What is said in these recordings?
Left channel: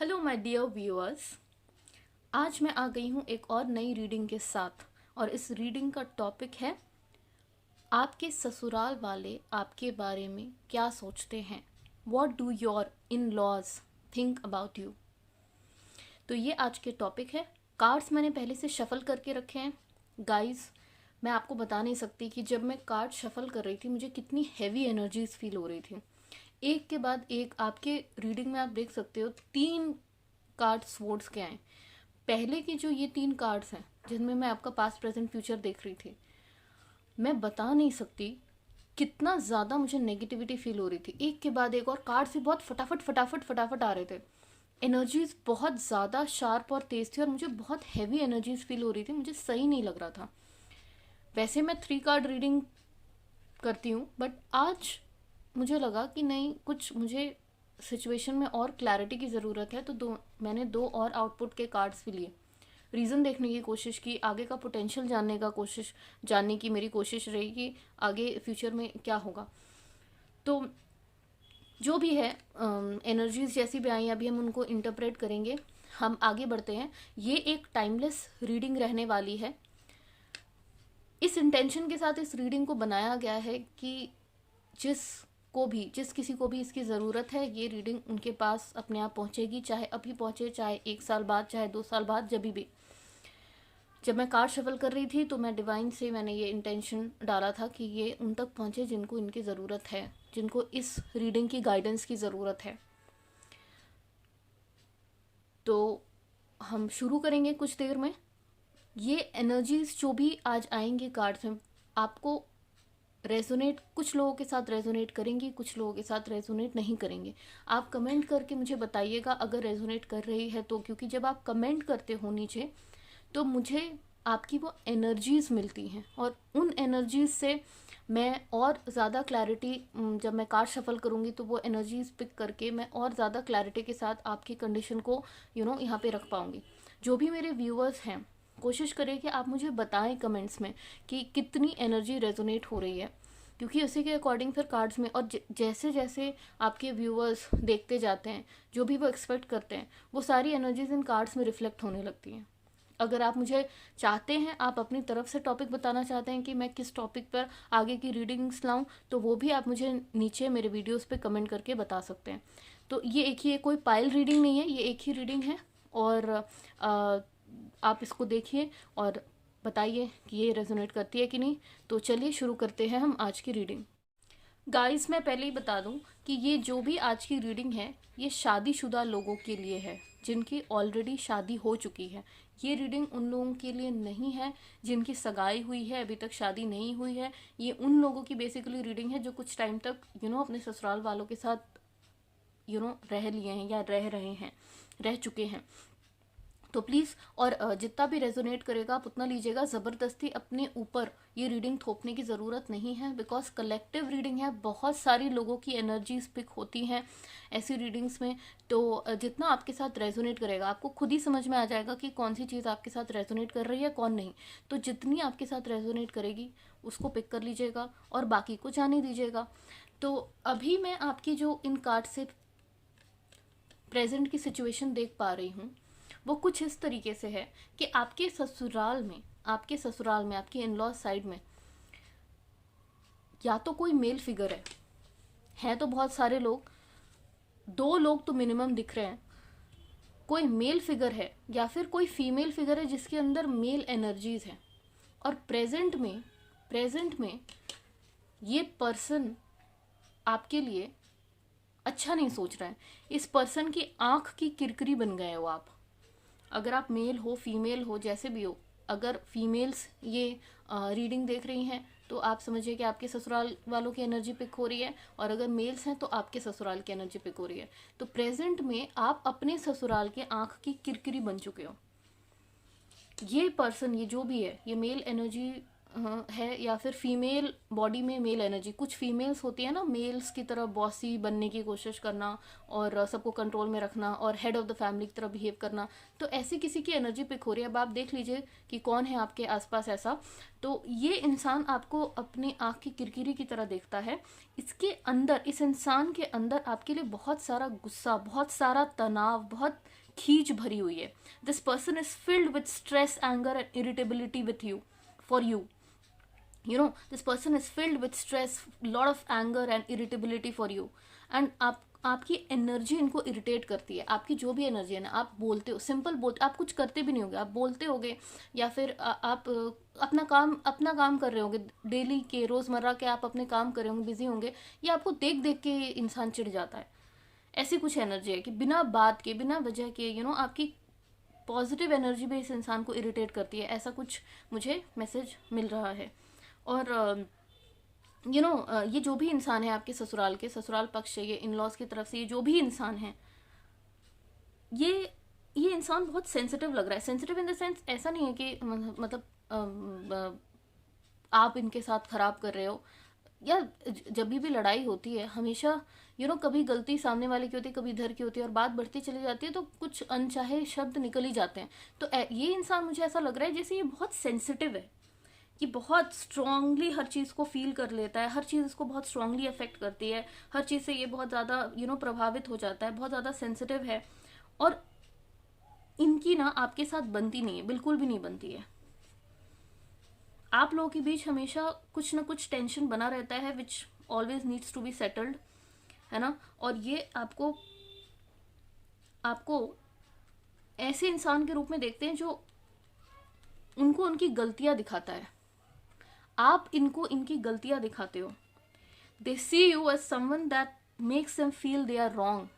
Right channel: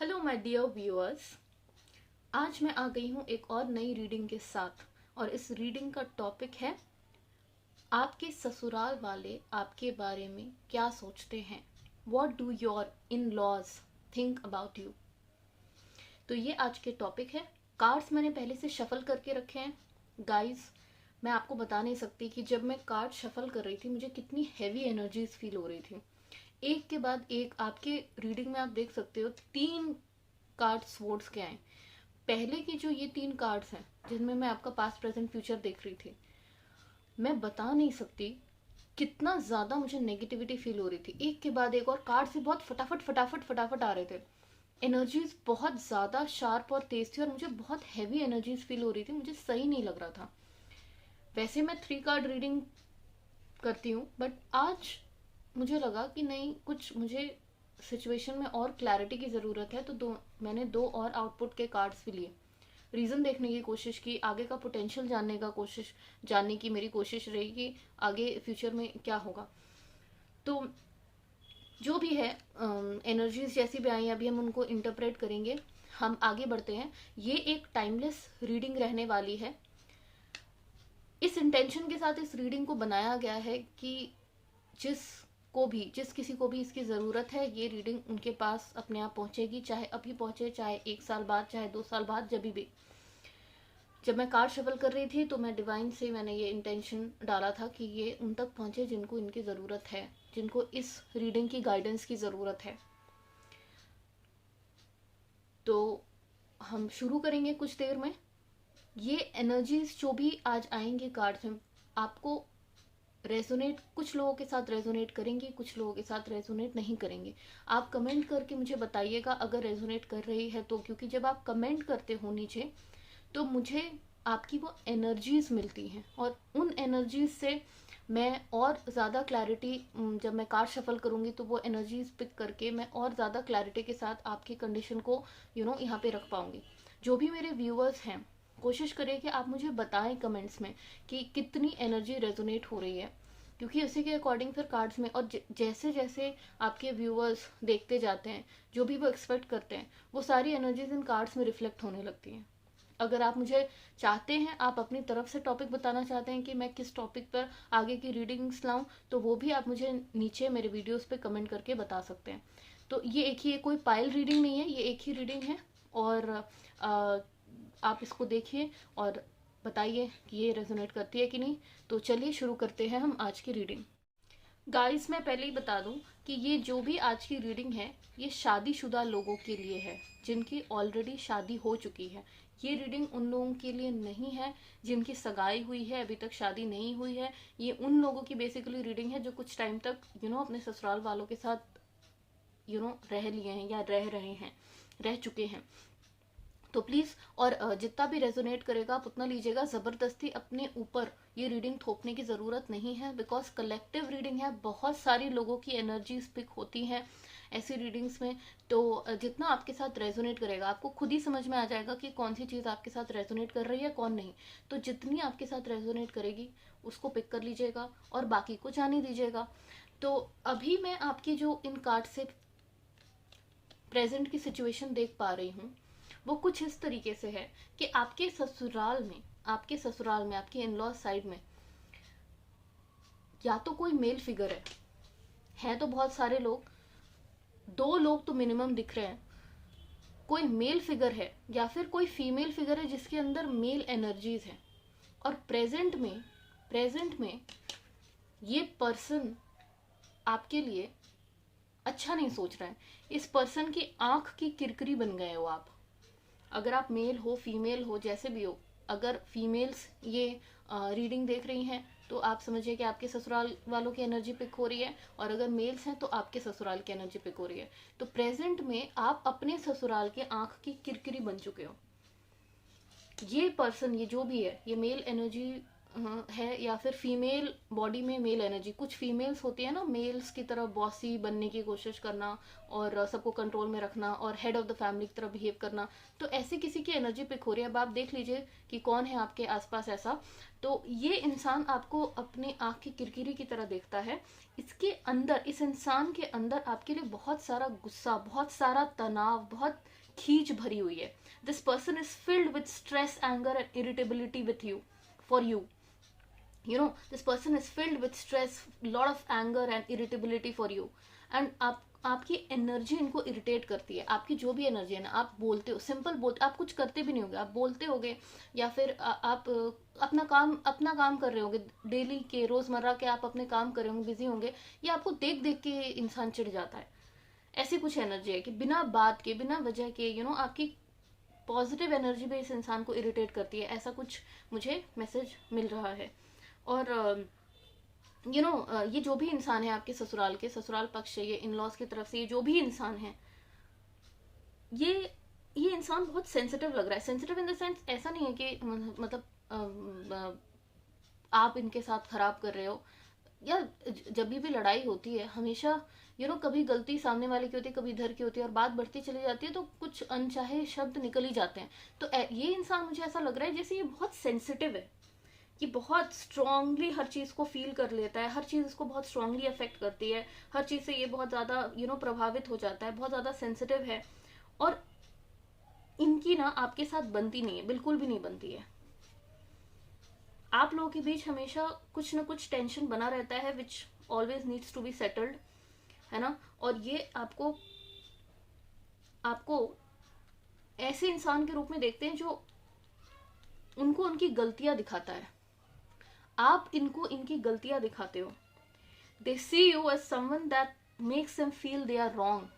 Hello my dear viewers. आज मैं आ गई हूँ एक और नई रीडिंग के साथ और इस रीडिंग का टॉपिक है आपके ससुराल वाले आपके बारे में क्या सोचते हैं। What do your in laws think about you. तो ये आज के टॉपिक है। कार्ड्स मैंने पहले से शफल करके रखे हैं। गाइस, मैं आपको बता नहीं सकती कि जब मैं कार्ड शफल कर रही थी मुझे कितनी हैवी एनर्जीज फील हो रही थी। एक के बाद एक आपके रीडिंग में आप देख सकते हो 3 कार्ड स्वॉर्ड्स के आए। पहले की जो ये 3 कार्ड्स हैं जिनमें मैं आपका पास्ट प्रेजेंट फ्यूचर देख रही थी, मैं बता नहीं सकती कितना ज़्यादा मुझे नेगेटिविटी फील हो रही थी। एक के बाद एक और कार्ड से बहुत फटाफट फटाफट फटाफट आ रहे थे। एनर्जीज बहुत ज़्यादा शार्प और तेज थी और मुझे बहुत हैवी एनर्जीज फील हो रही थी। मुझे सही नहीं लग रहा था। वैसे मैं 3 कार्ड रीडिंग करती हूँ बट आज मुझे लगा कि नहीं, कुछ मुझे सिचुएशन में और क्लैरिटी की ज़रूरत है। तो मैंने 2 और आउटपुट के कार्ड्स भी लिए। रीज़न देखने की कोशिश की, आगे का पोटेंशियल जानने की मेरी कोशिश रही कि आगे फ्यूचर में क्या होगा। तो जो भी है, एनर्जीज जैसी भी आई अभी हम उनको इंटरप्रेट करेंगे। हम आगे बढ़ते हैं। ये एक टाइमलेस रीडिंग रहने वाली है। इस इंटेंशन के साथ इस रीडिंग को बनाया गया है कि जिस किसी को भी इसकी ज़रूरत है, ये रीडिंग उनके पास अपने आप पहुंचेगी। चाहे अभी पहुंचे, चाहे 1 साल बाद, चाहे 2 साल बाद, जब भी। जब मैं कार्ड शफल कर रही थी तो मैं डिवाइन से मैंने ये इंटेंशन डाला था कि ये उन तक पहुंचे जिनको इनकी ज़रूरत है, जिनको इस रीडिंग की गाइडेंस की ज़रूरत है। तो हम शुरू करेंगे कुछ देर में। ये एनर्जीज जो भी आज आएंगे कार्ड्स में, आपको रेजोनेट, कुछ लोगों के साथ रेजोनेट करेंगे, कुछ लोगों के साथ रेजोनेट नहीं करेंगे। आप कमेंट करके मुझे बताइएगा अगर रेजोनेट कर रही है तो, क्योंकि जब आप कमेंट करते हो नीचे तो मुझे आपकी वो एनर्जीज मिलती हैं और उन एनर्जीज से मैं और ज़्यादा क्लैरिटी, जब मैं कार्ड शफल करूँगी तो वो एनर्जीज पिक करके मैं और ज़्यादा क्लैरिटी के साथ आपकी कंडीशन को यहाँ पे रख पाऊँगी। जो भी मेरे व्यूअर्स हैं, कोशिश करिए कि आप मुझे बताएं कमेंट्स में कि कितनी एनर्जी रेजोनेट हो रही है, क्योंकि उसी के अकॉर्डिंग फिर कार्ड्स में और जैसे जैसे आपके व्यूअर्स देखते जाते हैं, जो भी वो एक्सपेक्ट करते हैं, वो सारी एनर्जीज इन कार्ड्स में रिफ्लेक्ट होने लगती हैं। अगर आप मुझे चाहते हैं, आप अपनी तरफ से टॉपिक बताना चाहते हैं कि मैं किस टॉपिक पर आगे की रीडिंग्स लाऊं, तो वो भी आप मुझे नीचे मेरे वीडियोस पे कमेंट करके बता सकते हैं। तो ये एक ही, कोई पाइल रीडिंग नहीं है, ये एक ही रीडिंग है। और आप इसको देखिए और बताइए कि ये रेजोनेट करती है कि नहीं। तो चलिए शुरू करते हैं हम आज की रीडिंग। गाइस, मैं पहले ही बता दूं कि ये जो भी आज की रीडिंग है, ये शादीशुदा लोगों के लिए है जिनकी ऑलरेडी शादी हो चुकी है। ये रीडिंग उन लोगों के लिए नहीं है जिनकी सगाई हुई है, अभी तक शादी नहीं हुई है। ये उन लोगों की बेसिकली रीडिंग है जो कुछ टाइम तक अपने ससुराल वालों के साथ रह लिए हैं या रह रहे हैं, रह चुके हैं। तो प्लीज़, और जितना भी रेजोनेट करेगा आप उतना लीजिएगा। ज़बरदस्ती अपने ऊपर ये रीडिंग थोपने की ज़रूरत नहीं है, बिकॉज कलेक्टिव रीडिंग है। बहुत सारी लोगों की एनर्जीज पिक होती हैं ऐसी रीडिंग्स में। तो जितना आपके साथ रेजोनेट करेगा, आपको खुद ही समझ में आ जाएगा कि कौन सी चीज़ आपके साथ रेजोनेट कर रही है, कौन नहीं। तो जितनी आपके साथ रेजोनेट करेगी उसको पिक कर लीजिएगा और बाकी को जाने दीजिएगा। तो अभी मैं आपकी जो इन कार्ड से प्रेजेंट की सिचुएशन देख पा रही हूँ, वो कुछ इस तरीके से है कि आपके ससुराल में आपके इन लॉ साइड में या तो कोई मेल फिगर है तो बहुत सारे लोग, 2 लोग तो मिनिमम दिख रहे हैं। कोई मेल फिगर है या फिर कोई फीमेल फिगर है जिसके अंदर मेल एनर्जीज हैं। और प्रेजेंट में ये पर्सन आपके लिए अच्छा नहीं सोच रहा है। इस पर्सन की आंख की किरकिरी बन गए हो आप। अगर आप मेल हो, फीमेल हो, जैसे भी हो, अगर फीमेल्स ये रीडिंग देख रही हैं तो आप समझिए कि आपके ससुराल वालों की एनर्जी पिक हो रही है, और अगर मेल्स हैं तो आपके ससुराल की एनर्जी पिक हो रही है। तो प्रेजेंट में आप अपने ससुराल के आंख की किरकिरी बन चुके हो। ये पर्सन, ये जो भी है, ये मेल एनर्जी है, या फिर फीमेल बॉडी में मेल एनर्जी। कुछ फीमेल्स होती है ना, मेल्स की तरह बॉसी बनने की कोशिश करना और सबको कंट्रोल में रखना और हेड ऑफ द फैमिली की तरह बिहेव करना। तो ऐसी किसी की एनर्जी पिक हो रही है। अब आप देख लीजिए कि कौन है आपके आसपास ऐसा। तो ये इंसान आपको अपनी आँख की किरकिरी की तरह देखता है। इसके अंदर, इस इंसान के अंदर आपके लिए बहुत सारा गुस्सा, बहुत सारा तनाव, बहुत खींच भरी हुई है। This person is filled with stress, anger and irritability with you, for you. This person is filled with stress, lot of anger and irritability for you. And आपकी एनर्जी इनको इरिटेट करती है। आपकी जो भी एनर्जी है ना, आप बोलते हो, सिंपल बोलते, आप कुछ करते भी नहीं होगे, आप बोलते होगे, या फिर आप अपना काम कर रहे होगे, डेली के रोजमर्रा के आप अपने काम कर रहे होंगे, बिजी होंगे, ये आपको देख देख के इंसान चिढ़ जाता है। ऐसी कुछ एनर्जी है कि बिना बात के, बिना वजह के आपकी पॉजिटिव एनर्जी भी इस इंसान को इरिटेट करती है। ऐसा कुछ मुझे मैसेज मिल रहा है। और ये जो भी इंसान है आपके ससुराल पक्ष से, ये इन लॉज की तरफ से, ये जो भी इंसान है, ये इंसान बहुत सेंसिटिव लग रहा है। सेंसिटिव इन द सेंस, ऐसा नहीं है कि मतलब आप इनके साथ खराब कर रहे हो, या जब भी लड़ाई होती है हमेशा कभी गलती सामने वाले की होती है, कभी इधर की होती है, और बात बढ़ती चली जाती है तो कुछ अनचाहे शब्द निकल ही जाते हैं। तो ये इंसान, मुझे ऐसा लग रहा है जैसे ये बहुत सेंसिटिव है, कि बहुत स्ट्रांगली हर चीज़ को फील कर लेता है, हर चीज़ इसको बहुत स्ट्रांगली अफेक्ट करती है, हर चीज़ से ये बहुत ज़्यादा प्रभावित हो जाता है, बहुत ज़्यादा सेंसिटिव है। और इनकी ना आपके साथ बनती नहीं है, बिल्कुल भी नहीं बनती है। आप लोगों के बीच हमेशा कुछ ना कुछ टेंशन बना रहता है, which always needs to be settled, है ना। और ये आपको ऐसे इंसान के रूप में देखते हैं जो उनको उनकी गलतियां दिखाता है। आप इनको इनकी गलतियां दिखाते हो। They see you as someone that makes them feel they are wrong,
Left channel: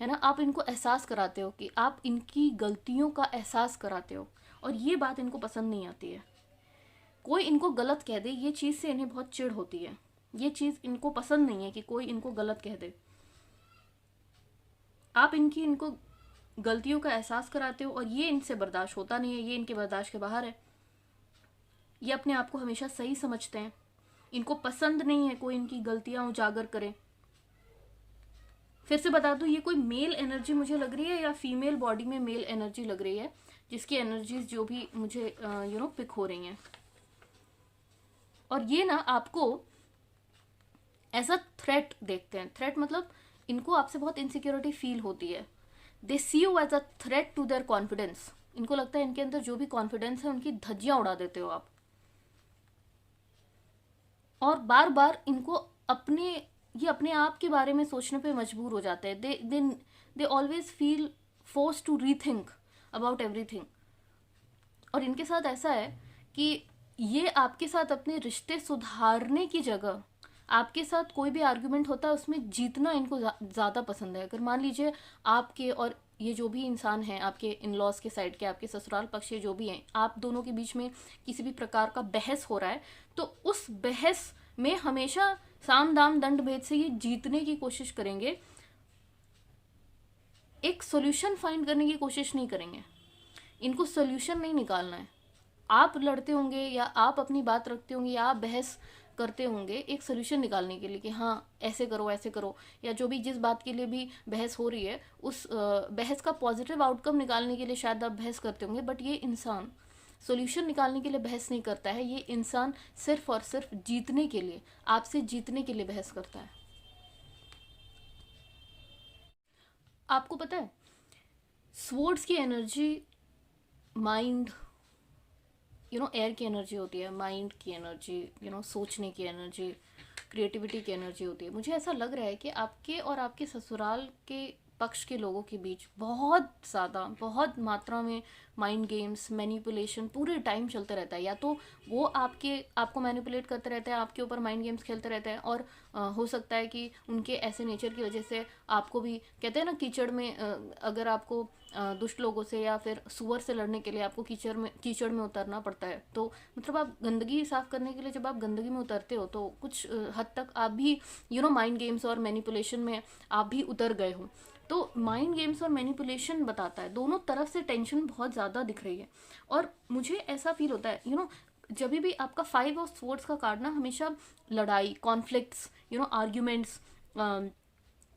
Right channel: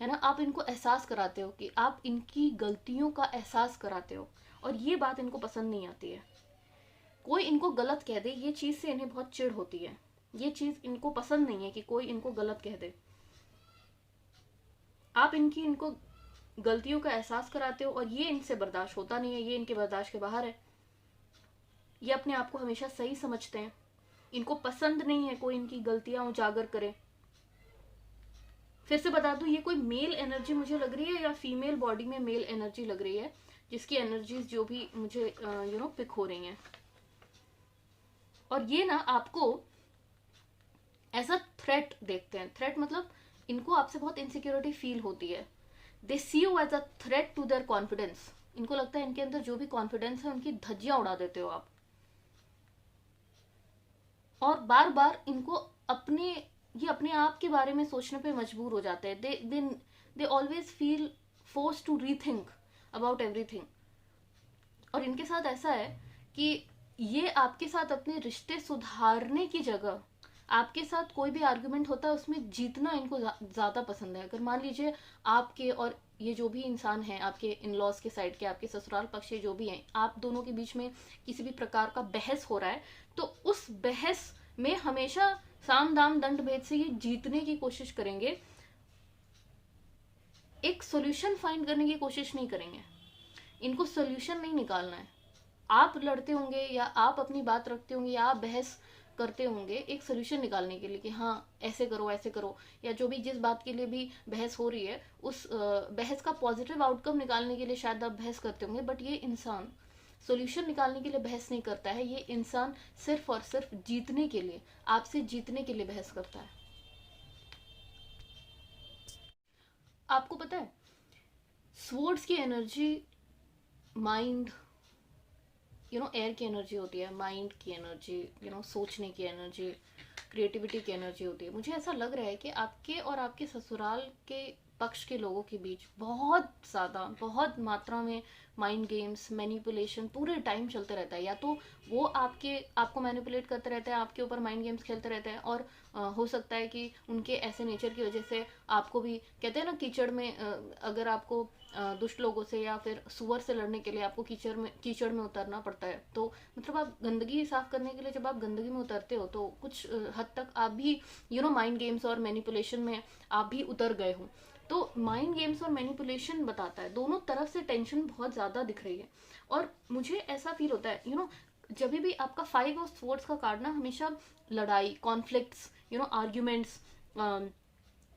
है ना। आप इनको एहसास कराते हो, कि आप इनकी गलतियों का एहसास कराते हो, और ये बात इनको पसंद नहीं आती है। कोई इनको गलत कह दे, ये चीज़ से इन्हें बहुत चिढ़ होती है। ये चीज़ इनको पसंद नहीं है कि कोई इनको गलत कह दे। आप इनको गलतियों का एहसास कराते हो, और ये इनसे बर्दाश्त होता नहीं है, ये इनके बर्दाश्त के बाहर है। ये अपने आप को हमेशा सही समझते हैं, इनको पसंद नहीं है कोई इनकी गलतियां उजागर करे। फिर से बता दूं, ये कोई मेल एनर्जी मुझे लग रही है, या फीमेल बॉडी में मेल एनर्जी लग रही है, जिसकी एनर्जीज जो भी मुझे पिक हो रही हैं। और ये ना आपको एज अ थ्रेट देखते हैं। थ्रेट मतलब इनको आपसे बहुत इनसिक्योरिटी फील होती है। They see you as a threat to their confidence. इनको लगता है इनके अंदर जो भी कॉन्फिडेंस है, उनकी धज्जियां उड़ा देते हो आप। और बार बार इनको अपने आप के बारे में सोचने पे मजबूर हो जाते हैं। They always feel force to rethink about everything. और इनके साथ ऐसा है कि ये आपके साथ अपने रिश्ते सुधारने की जगह, आपके साथ कोई भी आर्गुमेंट होता है उसमें जीतना इनको ज़्यादा पसंद है। अगर मान लीजिए आपके और ये जो भी इंसान है, आपके इन लॉज के साइड के, आपके ससुराल पक्ष के जो भी हैं, आप दोनों के बीच में किसी भी प्रकार का बहस हो रहा है, तो उस बहस में हमेशा साम दाम दंड भेद से ये जीतने की कोशिश करेंगे, एक सोल्यूशन फाइंड करने की कोशिश नहीं करेंगे। इनको सोल्यूशन नहीं निकालना है। आप लड़ते होंगे, या आप अपनी बात रखते होंगे, या आप बहस करते होंगे एक सोल्यूशन निकालने के लिए, कि हाँ ऐसे करो ऐसे करो, या जो भी जिस बात के लिए भी बहस हो रही है, उस बहस का पॉजिटिव आउटकम निकालने के लिए शायद आप बहस करते होंगे। बट ये इंसान सोल्यूशन निकालने के लिए बहस नहीं करता है। ये इंसान सिर्फ और सिर्फ जीतने के लिए, आपसे जीतने के लिए बहस करता है। आपको पता है, स्वॉर्ड्स की एनर्जी माइंड, एयर की एनर्जी होती है, माइंड की एनर्जी, सोचने की एनर्जी, क्रिएटिविटी की एनर्जी होती है। मुझे ऐसा लग रहा है कि आपके और आपके ससुराल के पक्ष के लोगों के बीच बहुत मात्रा में माइंड गेम्स, मैनिपुलेशन पूरे टाइम चलते रहता है। या तो वो आपको मैनिपुलेट करते रहते हैं, आपके ऊपर माइंड गेम्स खेलते रहते हैं, और हो सकता है कि उनके ऐसे नेचर की वजह से आपको भी, कहते हैं ना कीचड़ में, अगर आपको दुष्ट लोगों से या फिर सुअर से लड़ने के लिए आपको कीचड़ में उतरना पड़ता है, तो मतलब आप गंदगी साफ करने के लिए जब आप गंदगी में उतरते हो, तो कुछ हद तक आप भी माइंड गेम्स और मैनिपुलेशन में आप भी उतर गए हो। तो माइंड गेम्स और मैनिपुलेशन बताता है, दोनों तरफ से टेंशन बहुत ज़्यादा दिख रही है। और मुझे ऐसा फील होता है, जब भी आपका 5 ऑफ स्वॉर्ड्स का कार्ड ना हमेशा लड़ाई, कॉन्फ्लिक्ट्स, आर्ग्यूमेंट्स,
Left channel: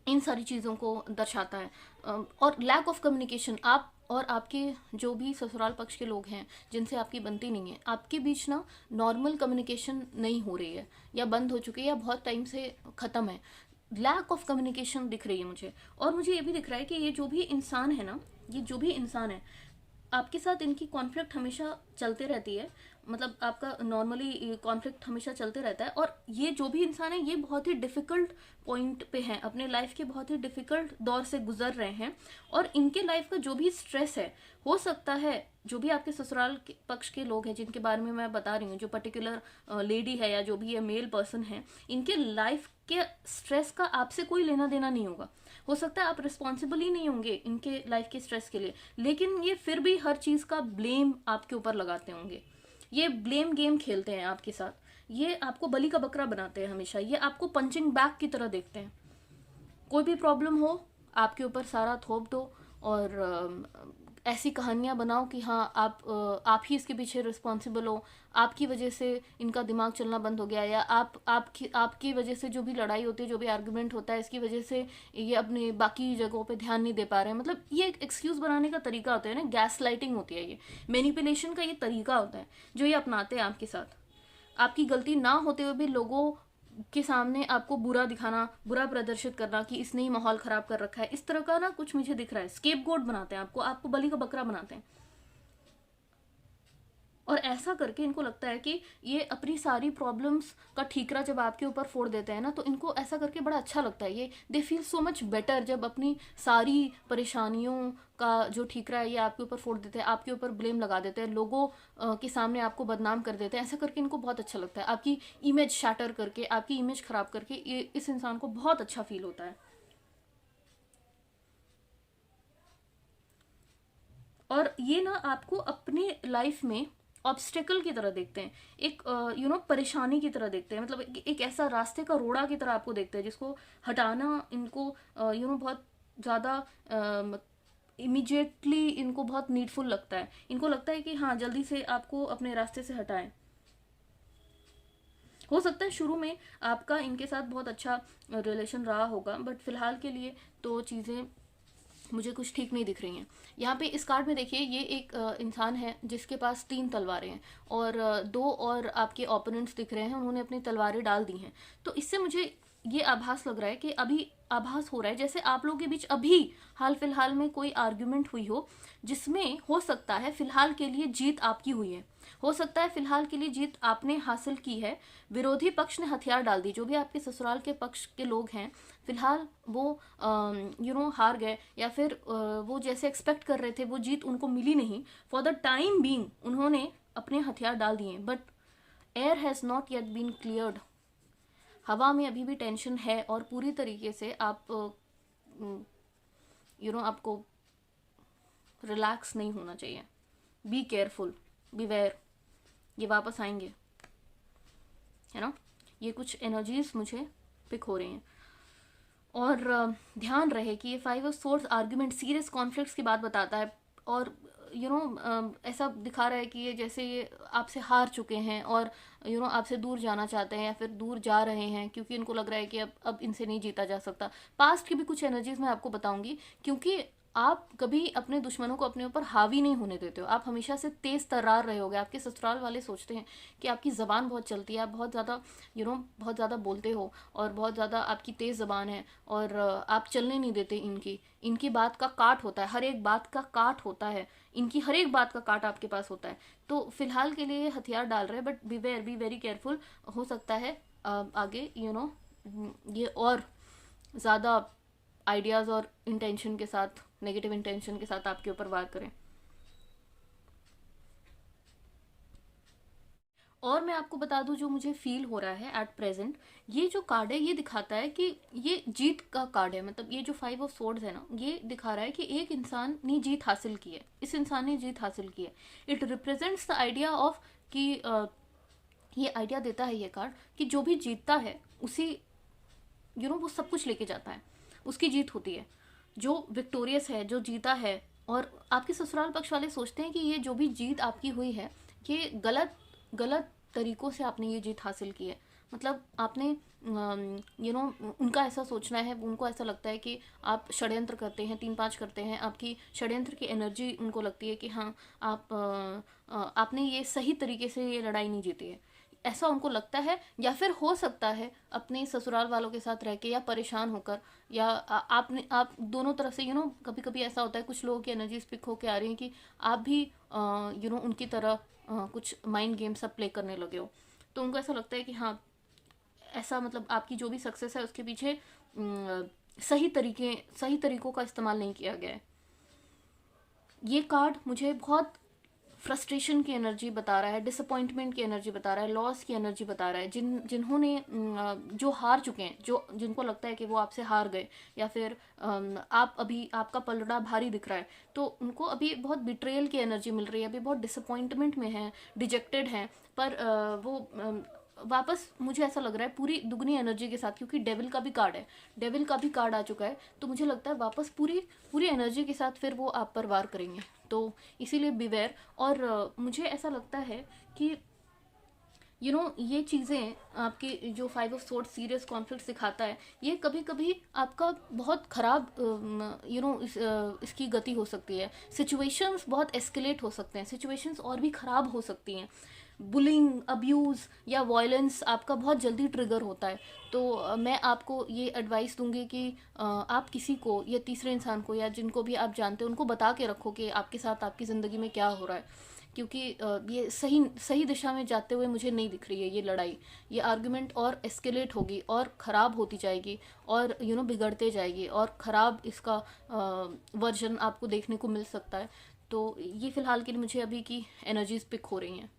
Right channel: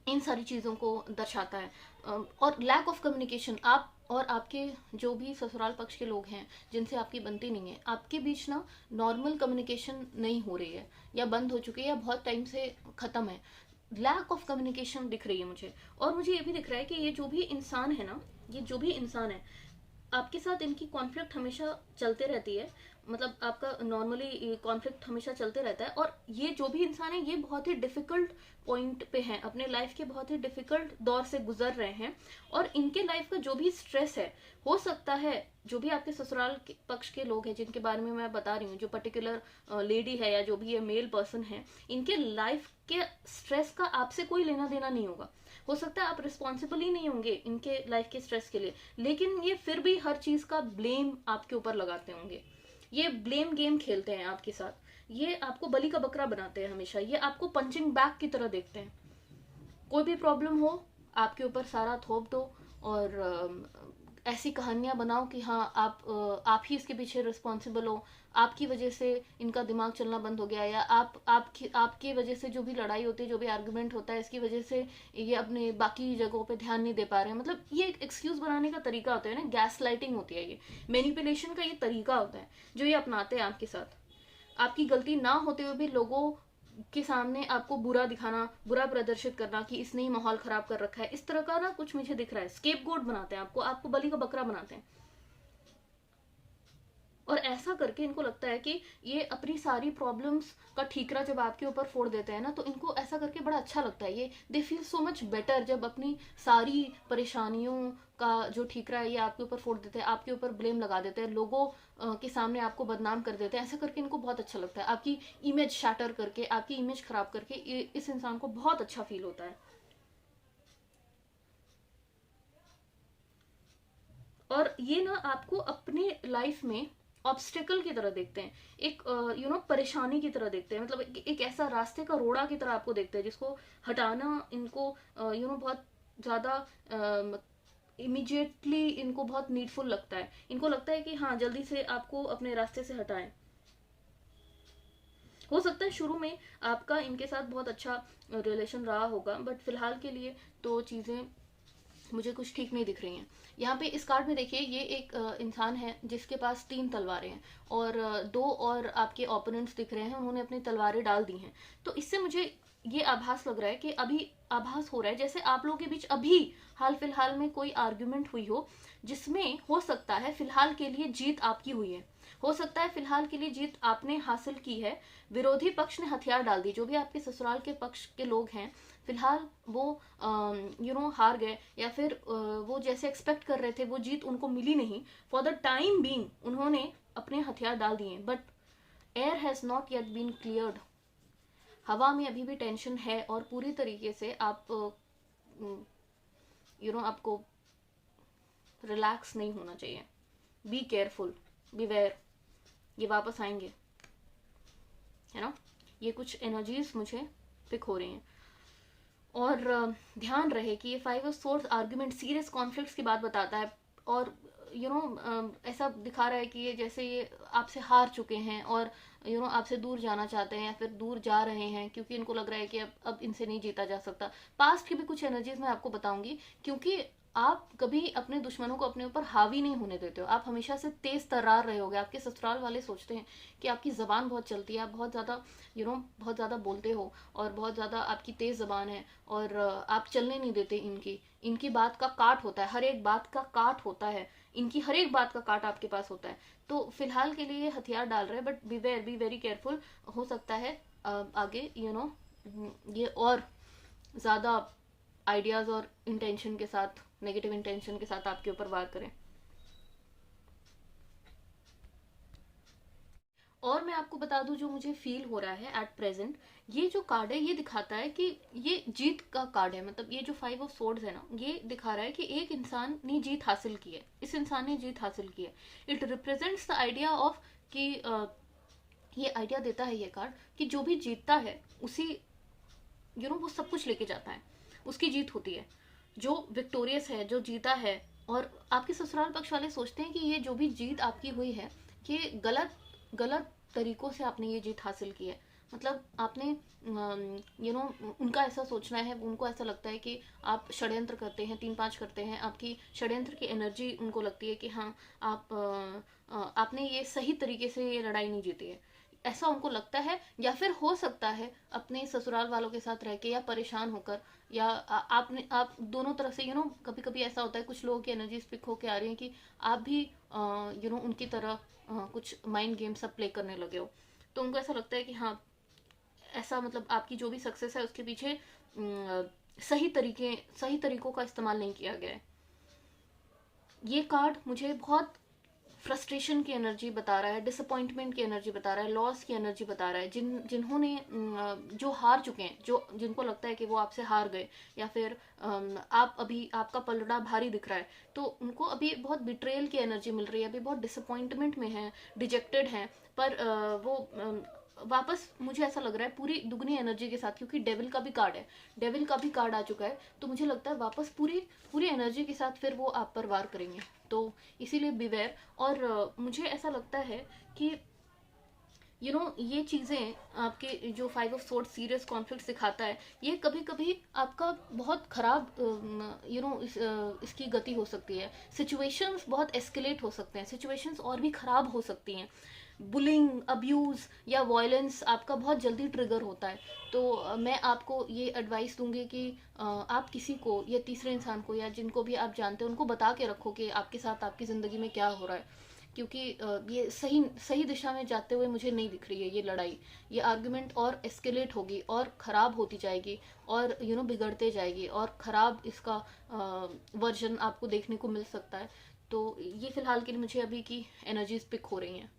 इन सारी चीज़ों को दर्शाता है। और लैक ऑफ कम्युनिकेशन, आप और आपके जो भी ससुराल पक्ष के लोग हैं जिनसे आपकी बनती नहीं है, आपके बीच ना नॉर्मल कम्युनिकेशन नहीं हो रही है, या बंद हो चुकी है, या बहुत टाइम से ख़त्म है। लैक ऑफ कम्युनिकेशन दिख रही है मुझे। और मुझे ये भी दिख रहा है कि ये जो भी इंसान है ना, ये जो भी इंसान है, आपके साथ इनकी कॉन्फ्लिक्ट हमेशा चलते रहती है। मतलब आपका नॉर्मली कॉन्फ्लिक्ट हमेशा चलते रहता है। और ये जो भी इंसान है ये बहुत ही डिफिकल्ट पॉइंट पे हैं, अपने लाइफ के बहुत ही डिफिकल्ट दौर से गुजर रहे हैं। और इनके लाइफ का जो भी स्ट्रेस है, हो सकता है जो भी आपके ससुराल के पक्ष के लोग हैं जिनके बारे में मैं बता रही हूँ, जो पर्टिकुलर लेडी है या जो भी ये मेल पर्सन है, इनके लाइफ के स्ट्रेस का आपसे कोई लेना देना नहीं होगा। हो सकता है आप रिस्पॉन्सिबल ही नहीं होंगे इनके लाइफ के स्ट्रेस के लिए, लेकिन ये फिर भी हर चीज का ब्लेम आपके ऊपर लगाते होंगे। ये ब्लेम गेम खेलते हैं आपके साथ। ये आपको बलि का बकरा बनाते हैं हमेशा। ये आपको पंचिंग बैग की तरह देखते हैं। कोई भी प्रॉब्लम हो आपके ऊपर सारा थोप दो, और ऐसी कहानियां बनाओ कि हाँ आप ही इसके पीछे रिस्पॉन्सिबल हो, आपकी वजह से इनका दिमाग चलना बंद हो गया, या आपकी वजह से जो भी लड़ाई होती है, जो भी आर्गुमेंट होता है, इसकी वजह से ये अपने बाकी जगहों पे ध्यान नहीं दे पा रहे हैं। मतलब ये एक एक्सक्यूज बनाने का तरीका होता है ना, गैस लाइटिंग होती है, ये मैनिपुलेशन का ये तरीका होता है जो ये अपनाते हैं आपके साथ। आपकी गलती ना होते हुए भी लोगों के सामने आपको बुरा दिखाना, बुरा प्रदर्शित करना कि इसने ही माहौल खराब कर रखा है, इस तरह का ना कुछ मुझे दिख रहा है। स्केपगोट बनाते हैं आपको बलि का बकरा बनाते हैं। और ऐसा करके इनको लगता है कि ये अपनी सारी प्रॉब्लम्स का ठीकरा जब आपके ऊपर फोड़ देते हैं ना, तो इनको ऐसा करके बड़ा अच्छा लगता है। ये they feel so much better जब अपनी सारी परेशानियों का जो ठीकरा है ये आपके ऊपर फोड़ देते हैं, आपके ऊपर ब्लेम लगा देते हैं, लोगों के सामने आपको बदनाम कर देते हैं। ऐसा करके इनको बहुत अच्छा लगता है। आपकी इमेज शैटर करके, आपकी इमेज खराब करके ये इस इंसान को बहुत अच्छा फील होता है। और ये ना आपको अपने लाइफ में ऑब्स्टेकल की तरह देखते हैं, एक परेशानी की तरह देखते हैं। मतलब एक ऐसा रास्ते का रोड़ा की तरह आपको देखते हैं जिसको हटाना इनको बहुत ज़्यादा इमिजिएटली इनको बहुत नीडफुल लगता है। इनको लगता है कि हाँ जल्दी से आपको अपने रास्ते से हटाएं। हो सकता है शुरू में आपका इनके साथ बहुत अच्छा रिलेशन रहा होगा, बट फिलहाल के लिए तो चीज़ें मुझे कुछ ठीक नहीं दिख रही हैं। यहाँ पे इस कार्ड में देखिए, ये एक इंसान है जिसके पास 3 तलवारें हैं, और 2 और आपके ओपोनेंट्स दिख रहे हैं, उन्होंने अपनी तलवारें डाल दी हैं। तो इससे मुझे ये आभास लग रहा है कि अभी आभास हो रहा है जैसे आप लोगों के बीच अभी हाल फिलहाल में कोई आर्ग्यूमेंट हुई हो, जिसमें हो सकता है फिलहाल के लिए जीत आपकी हुई है, हो सकता है फिलहाल के लिए जीत आपने हासिल की है। विरोधी पक्ष ने हथियार डाल दी, जो भी आपके ससुराल के पक्ष के लोग हैं फिलहाल वो हार गए, या फिर वो जैसे एक्सपेक्ट कर रहे थे वो जीत उनको मिली नहीं। फॉर द टाइम बीइंग उन्होंने अपने हथियार डाल दिए, but air has not yet been cleared. हवा में अभी भी टेंशन है, और पूरी तरीके से आप आपको रिलैक्स नहीं होना चाहिए। Be careful, beware. ये वापस आएंगे, है ना। ये कुछ एनर्जीज मुझे पिक हो रही हैं। और ध्यान रहे कि ये 5 of swords argument, serious conflicts की बात बताता है। और ऐसा दिखा रहा है कि ये जैसे ये आपसे हार चुके हैं, और आपसे दूर जाना चाहते हैं, या फिर दूर जा रहे हैं, क्योंकि इनको लग रहा है कि अब इनसे नहीं जीता जा सकता। पास्ट की भी कुछ एनर्जीज मैं आपको बताऊंगी, क्योंकि आप कभी अपने दुश्मनों को अपने ऊपर हावी नहीं होने देते हो। आप हमेशा से तेज तर्रार रहे होगे। आपके ससुराल वाले सोचते हैं कि आपकी ज़बान बहुत चलती है, आप बहुत ज़्यादा बहुत ज़्यादा बोलते हो, और बहुत ज़्यादा आपकी तेज़ ज़बान है, और आप चलने नहीं देते इनकी बात का काट होता है, हर एक बात का काट होता है, इनकी हर एक बात का काट आपके पास होता है। तो फिलहाल के लिए हथियार डाल रहे हैं, बट बी वेरी केयरफुल। हो सकता है आगे ये और ज़्यादा आइडियाज़ और इंटेंशन के साथ, नेगेटिव इंटेंशन के साथ आपके ऊपर वार करें। और मैं आपको बता दूं जो मुझे फील हो रहा है एट प्रेजेंट, ये जो कार्ड है ये दिखाता है कि ये जीत का कार्ड है। मतलब ये जो 5 ऑफ स्वॉर्ड्स है ना, ये दिखा रहा है कि एक इंसान ने जीत हासिल की है, इस इंसान ने जीत हासिल की है। It represents the idea of कि ये आइडिया देता है ये कार्ड कि जो भी जीतता है उसी वो सब कुछ लेके जाता है, उसकी जीत होती है। जो विक्टोरियस है, जो जीता है। और आपके ससुराल पक्ष वाले सोचते हैं कि ये जो भी जीत आपकी हुई है ये गलत गलत तरीकों से आपने ये जीत हासिल की है। मतलब आपने उनका ऐसा सोचना है, उनको ऐसा लगता है कि आप षड्यंत्र करते हैं, 3-5 करते हैं, आपकी षड्यंत्र की एनर्जी उनको लगती है कि हाँ आप आपने ये सही तरीके से ये लड़ाई नहीं जीती है, ऐसा उनको लगता है। या फिर हो सकता है अपने ससुराल वालों के साथ रह के या परेशान होकर, या आपने आप दोनों तरफ से कभी कभी ऐसा होता है कुछ लोगों की एनर्जी पिक होके आ रही है कि आप भी उनकी तरह कुछ माइंड गेम सब प्ले करने लगे हो। तो उनको ऐसा लगता है कि हाँ ऐसा, मतलब आपकी जो भी सक्सेस है उसके पीछे सही तरीकों का इस्तेमाल नहीं किया गया है। ये कार्ड मुझे बहुत फ्रस्ट्रेशन की एनर्जी बता रहा है, डिसअपॉइंटमेंट की एनर्जी बता रहा है, लॉस की एनर्जी बता रहा है। जिन्होंने जो हार चुके हैं, जिनको लगता है कि वो आपसे हार गए, या फिर आप अभी आपका पलड़ा भारी दिख रहा है, तो उनको अभी बहुत बिट्रेयल की एनर्जी मिल रही है, अभी बहुत डिसअपॉइंटमेंट में है, डिजेक्टेड है। पर वो वापस मुझे ऐसा लग रहा है पूरी दुगनी एनर्जी के साथ, क्योंकि डेविल का भी कार्ड है, डेविल का भी कार्ड आ चुका है, तो मुझे लगता है वापस पूरी पूरी एनर्जी के साथ फिर वो आप पर वार करेंगे। तो इसीलिए बिवेयर। और मुझे ऐसा लगता है कि ये चीज़ें आपके जो 5 ऑफ सोर्ड्स सीरियस कॉन्फ्लिक्ट सिखाता है, ये कभी कभी आपका बहुत ख़राब इसकी गति हो सकती है। सिचुएशंस बहुत एस्केलेट हो सकते हैं, सिचुएशंस और भी ख़राब हो सकती हैं। बुलिंग, अब्यूज़ या वायलेंस आपका बहुत जल्दी ट्रिगर होता है। तो मैं आपको ये एडवाइस दूंगी कि आप किसी को या तीसरे इंसान को या जिनको भी आप जानते हो उनको बता के रखो कि आपके साथ आपकी ज़िंदगी में क्या हो रहा है, क्योंकि ये सही सही दिशा में जाते हुए मुझे नहीं दिख रही है ये लड़ाई। ये आर्गुमेंट और एस्केलेट होगी और ख़राब होती जाएगी और बिगड़ते जाएगी और ख़राब इसका वर्जन आपको देखने को मिल सकता है। तो ये फ़िलहाल के लिए मुझे अभी की एनर्जीज पिक हो रही हैं।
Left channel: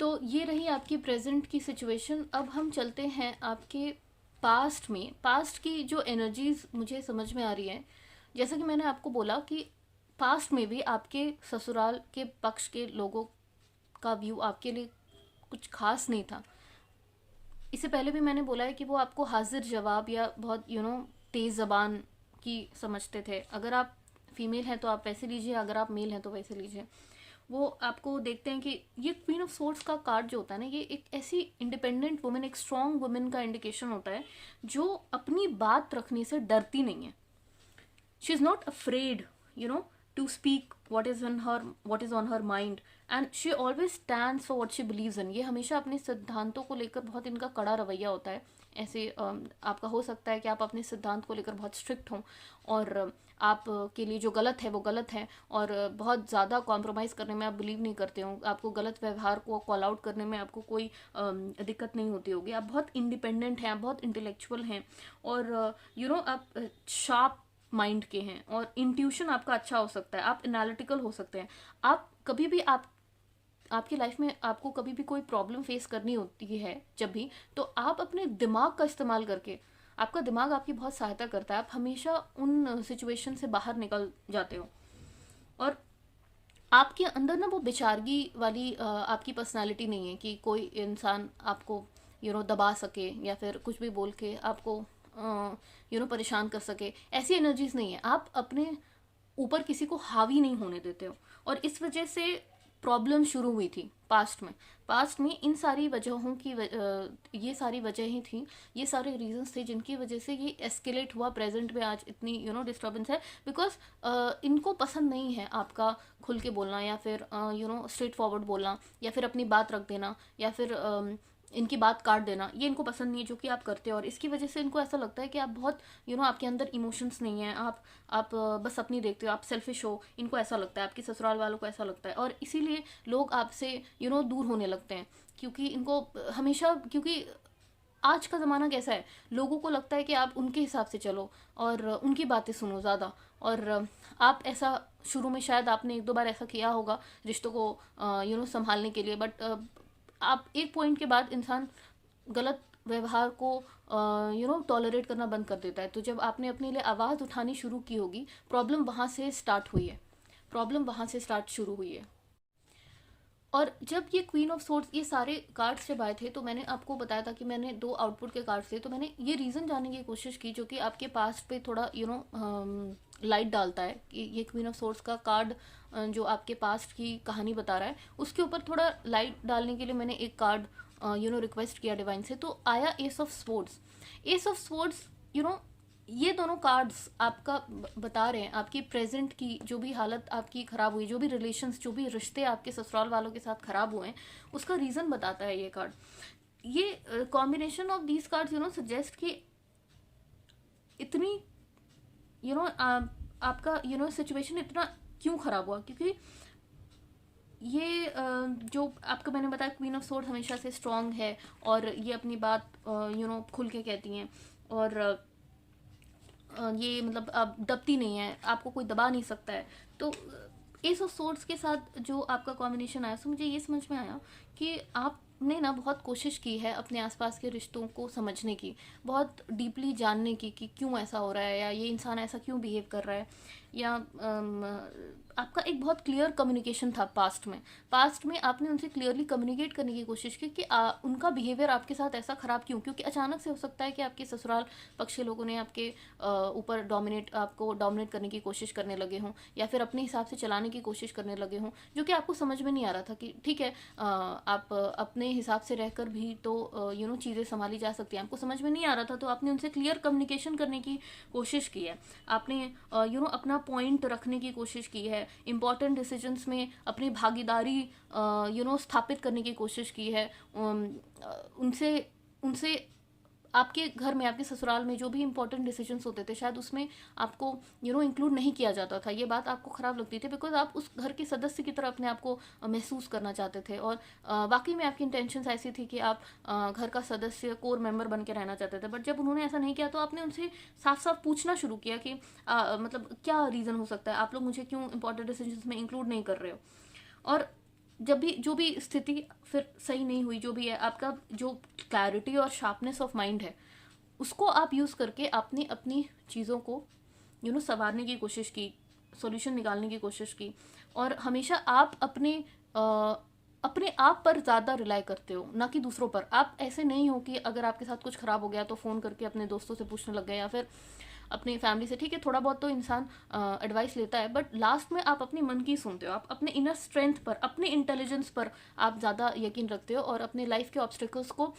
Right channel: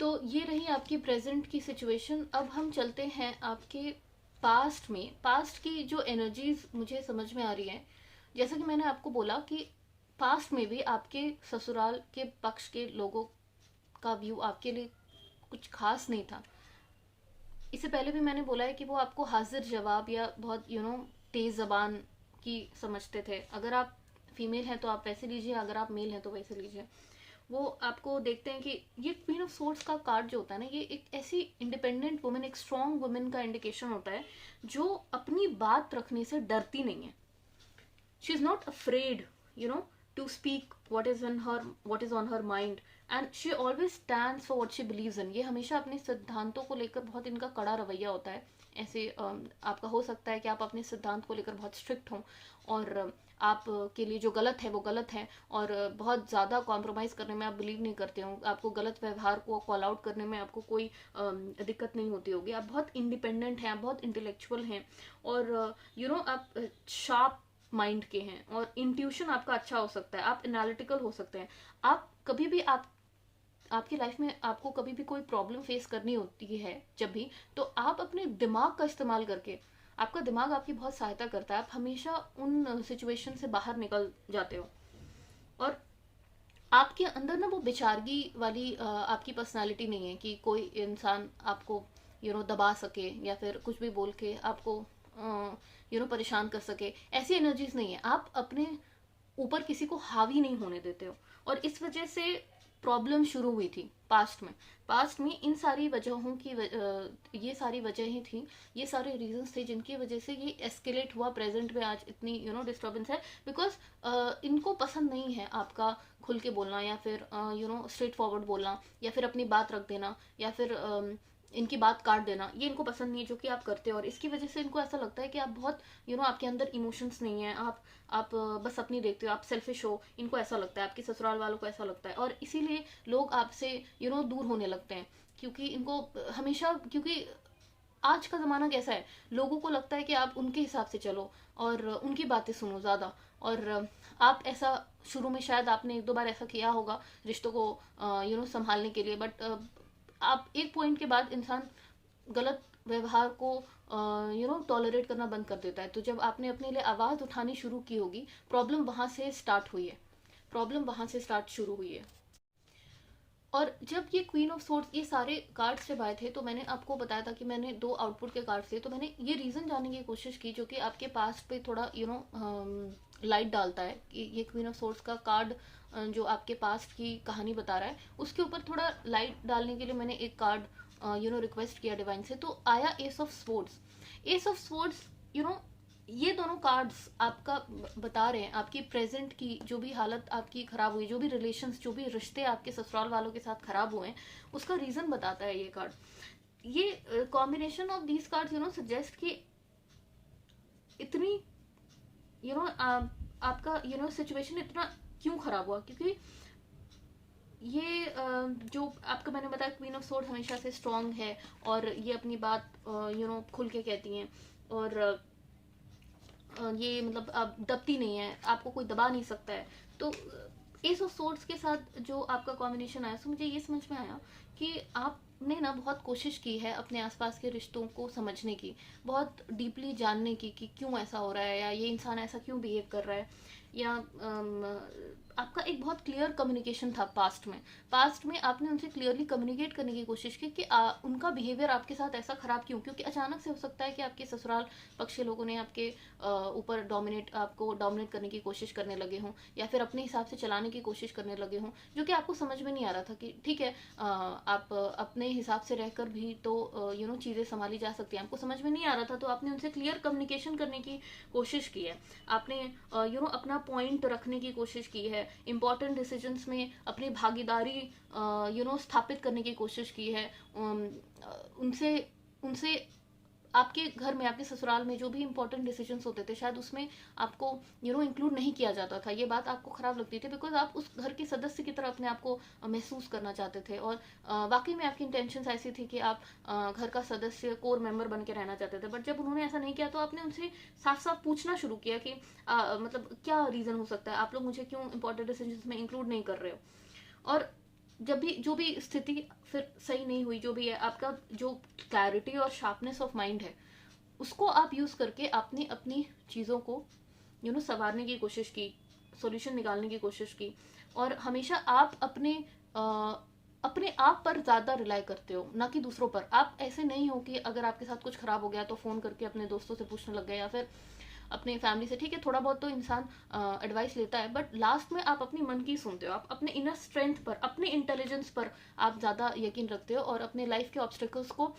तो ये रही आपकी प्रेजेंट की सिचुएशन। अब हम चलते हैं आपके पास्ट में। पास्ट की जो एनर्जीज मुझे समझ में आ रही है, जैसा कि मैंने आपको बोला कि पास्ट में भी आपके ससुराल के पक्ष के लोगों का व्यू आपके लिए कुछ खास नहीं था। इससे पहले भी मैंने बोला है कि वो आपको हाजिर जवाब या बहुत तेज़ ज़बान की समझते थे। अगर आप फीमेल हैं तो आप वैसे लीजिए, अगर आप मेल हैं तो वैसे लीजिए। वो आपको देखते हैं कि ये क्वीन ऑफ सोर्ड्स का कार्ड जो होता है ना, ये एक ऐसी इंडिपेंडेंट वुमेन, एक स्ट्रॉन्ग वुमेन का इंडिकेशन होता है जो अपनी बात रखने से डरती नहीं है। She is not afraid to speak what is on her mind, and she always stands for what she believes in। ये हमेशा अपने सिद्धांतों को लेकर बहुत इनका कड़ा रवैया होता है। ऐसे आपका हो सकता है कि आप अपने सिद्धांत को लेकर बहुत स्ट्रिक्ट हों और आप के लिए जो गलत है वो गलत है, और बहुत ज़्यादा कॉम्प्रोमाइज़ करने में आप बिलीव नहीं करते हो। आपको गलत व्यवहार को कॉल आउट करने में आपको कोई दिक्कत नहीं होती होगी। आप बहुत इंडिपेंडेंट हैं, आप बहुत इंटेलेक्चुअल हैं, और आप शार्प माइंड के हैं, और इंट्यूशन आपका अच्छा हो सकता है, आप एनालिटिकल हो सकते हैं। आप कभी भी आपकी लाइफ में आपको कभी भी कोई प्रॉब्लम फेस करनी होती है जब भी, तो आप अपने दिमाग का इस्तेमाल करके, आपका दिमाग आपकी बहुत सहायता करता है, आप हमेशा उन सिचुएशन से बाहर निकल जाते हो। और आपके अंदर ना वो बेचारगी वाली आपकी पर्सनालिटी नहीं है कि कोई इंसान आपको दबा सके या फिर कुछ भी बोल के आपको परेशान कर सके। ऐसी एनर्जीज नहीं है। आप अपने ऊपर किसी को हावी नहीं होने देते हो, और इस वजह से प्रॉब्लम शुरू हुई थी पास्ट में इन सारी वजहों की ये सारी वजहें थी, ये सारे रीजंस थे जिनकी वजह से ये एस्केलेट हुआ। प्रेजेंट में आज इतनी डिस्टर्बेंस है, बिकॉज इनको पसंद नहीं है आपका खुल के बोलना, या फिर स्ट्रेट फॉरवर्ड बोलना, या फिर अपनी बात रख देना, या फिर इनकी बात काट देना। ये इनको पसंद नहीं है जो कि आप करते हो, और इसकी वजह से इनको ऐसा लगता है कि आप बहुत आपके अंदर इमोशंस नहीं है, आप बस अपनी देखते हो, आप सेल्फिश हो। इनको ऐसा लगता है, आपके ससुराल वालों को ऐसा लगता है, और इसीलिए लोग आपसे दूर होने लगते हैं, क्योंकि इनको हमेशा, क्योंकि आज का ज़माना कैसा है, लोगों को लगता है कि आप उनके हिसाब से चलो और उनकी बातें सुनो ज़्यादा। और आप ऐसा शुरू में शायद आपने 1-2 बार ऐसा किया होगा रिश्तों को संभालने के लिए, बट आप एक पॉइंट के बाद इंसान गलत व्यवहार को टॉलरेट करना बंद कर देता है। तो जब आपने अपने लिए आवाज़ उठानी शुरू की होगी, प्रॉब्लम वहाँ से स्टार्ट हुई है, प्रॉब्लम वहाँ से स्टार्ट शुरू हुई है। और जब ये क्वीन ऑफ सोर्ड्स, ये सारे कार्ड्स जब आए थे, तो मैंने आपको बताया था कि मैंने 2 आउटपुट के कार्ड्स थे, तो मैंने ये रीज़न जानने की कोशिश की जो कि आपके पास्ट पे थोड़ा लाइट डालता है कि ये क्वीन ऑफ सोर्ड्स का कार्ड जो आपके पास्ट की कहानी बता रहा है उसके ऊपर थोड़ा लाइट डालने के लिए मैंने एक कार्ड रिक्वेस्ट किया डिवाइन से, तो आया S of swords. S of swords ये दोनों कार्ड्स आपका बता रहे हैं आपकी प्रेजेंट की जो भी हालत आपकी खराब हुई, जो भी रिलेशंस, जो भी रिश्ते आपके ससुराल वालों के साथ खराब हुए हैं, उसका रीजन बताता है ये कार्ड। ये combination of these cards suggest कि इतनी आपका सिचुएशन इतना क्यों खराब हुआ, क्योंकि ये जो आपको मैंने बताया क्वीन ऑफ सोर्ड हमेशा से स्ट्रांग है और ये अपनी बात खुल के कहती हैं, और ये मतलब आप दबती नहीं है, आपको कोई दबा नहीं सकता है। तो एस ऑफ सोर्ड्स के साथ जो आपका कॉम्बिनेशन आया, तो मुझे ये समझ में आया कि आपने ना बहुत कोशिश की है अपने आसपास के रिश्तों को समझने की, बहुत डीपली जानने की कि क्यों ऐसा हो रहा है, या ये इंसान ऐसा क्यों बिहेव कर रहा है, या आपका एक बहुत क्लियर कम्युनिकेशन था पास्ट में आपने उनसे क्लियरली कम्युनिकेट करने की कोशिश की कि उनका बिहेवियर आपके साथ ऐसा खराब क्यों, क्योंकि अचानक से हो सकता है कि आपके ससुराल पक्ष के लोगों ने आपके ऊपर आपको डोमिनेट करने की कोशिश करने लगे हों, या फिर अपने हिसाब से चलाने की कोशिश करने लगे हों, जो कि आपको समझ में नहीं आ रहा था कि ठीक है आप अपने हिसाब से रहकर भी तो चीज़ें संभाली जा सकती हैं। आपको समझ में नहीं आ रहा था तो आपने उनसे क्लियर कम्युनिकेशन करने की कोशिश की है, आपने अपना पॉइंट रखने की कोशिश की है, इंपॉर्टेंट डिसीजंस में अपनी भागीदारी स्थापित करने की कोशिश की है। उनसे उनसे आपके घर में, आपके ससुराल में जो भी इंपॉर्टेंट डिसीजंस होते थे शायद उसमें आपको इंक्लूड नहीं किया जाता था। ये बात आपको खराब लगती थी बिकॉज आप उस घर के सदस्य की तरह अपने आप को महसूस करना चाहते थे, और वाकई में आपकी इंटेंशंस ऐसी थी कि आप घर का सदस्य, कोर मेंबर बन के रहना चाहते थे। बट जब उन्होंने ऐसा नहीं किया तो आपने उनसे साफ साफ पूछना शुरू किया कि मतलब क्या रीज़न हो सकता है, आप लोग मुझे क्यों इंपॉर्टेंट डिसीजंस में इंक्लूड नहीं कर रहे हो। और जब भी जो भी स्थिति फिर सही नहीं हुई, जो भी है, आपका जो क्लैरिटी और शार्पनेस ऑफ माइंड है उसको आप यूज़ करके आपने अपनी चीज़ों को संवारने की कोशिश की, सॉल्यूशन निकालने की कोशिश की। और हमेशा आप अपने आप पर ज़्यादा रिलाई करते हो, ना कि दूसरों पर। आप ऐसे नहीं हो कि अगर आपके साथ कुछ खराब हो गया तो फ़ोन करके अपने दोस्तों से पूछने लग गए, या फिर अपने फैमिली से। ठीक है, थोड़ा बहुत तो इंसान एडवाइस लेता है, बट लास्ट में आप अपने मन की सुनते हो, आप अपने इनर स्ट्रेंथ पर, अपने इंटेलिजेंस पर आप ज़्यादा यकीन रखते हो, और अपने लाइफ के ऑब्स्टिकल्स को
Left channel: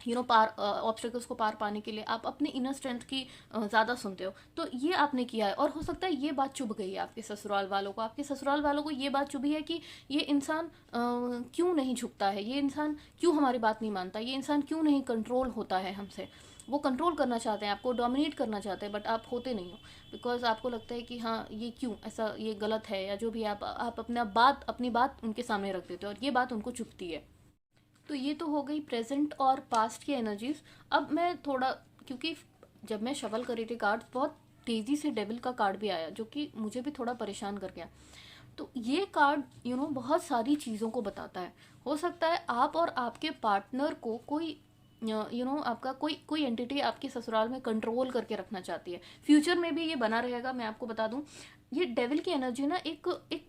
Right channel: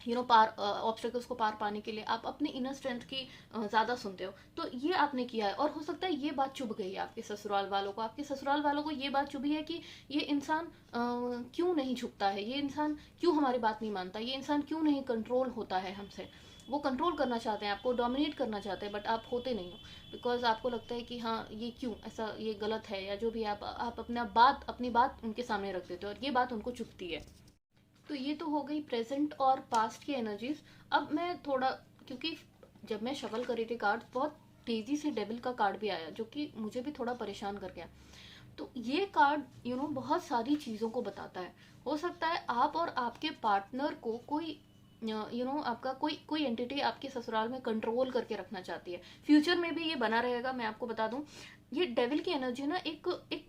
ऑब्स्टिकल्स को पार पाने के लिए आप अपने इनर स्ट्रेंथ की ज़्यादा सुनते हो। तो ये आपने किया है, और हो सकता है ये बात चुभ गई है आपके ससुराल वालों को, ये बात चुभी है कि ये इंसान क्यों नहीं झुकता है, ये इंसान क्यों हमारी बात नहीं मानता, ये इंसान क्यों नहीं कंट्रोल होता है हमसे। वो कंट्रोल करना चाहते हैं, आपको डोमिनेट करना चाहते हैं, बट आप होते नहीं हो बिकॉज आपको लगता है कि हाँ ये क्यों ऐसा, ये गलत है, या जो भी आप अपनी बात उनके सामने रख देते हो, और ये बात उनको चुभती है। तो ये तो हो गई प्रेजेंट और पास्ट की एनर्जीज। अब मैं थोड़ा, क्योंकि जब मैं शफल कर रही थी कार्ड, बहुत तेज़ी से डेविल का कार्ड भी आया जो कि मुझे भी थोड़ा परेशान कर गया। तो ये कार्ड बहुत सारी चीज़ों को बताता है। हो सकता है आप और आपके पार्टनर को कोई आपका कोई एंटिटी आपके ससुराल में कंट्रोल करके रखना चाहती है। फ्यूचर में भी ये बना रहेगा, मैं आपको बता दूं। ये डेविल की एनर्जी ना एक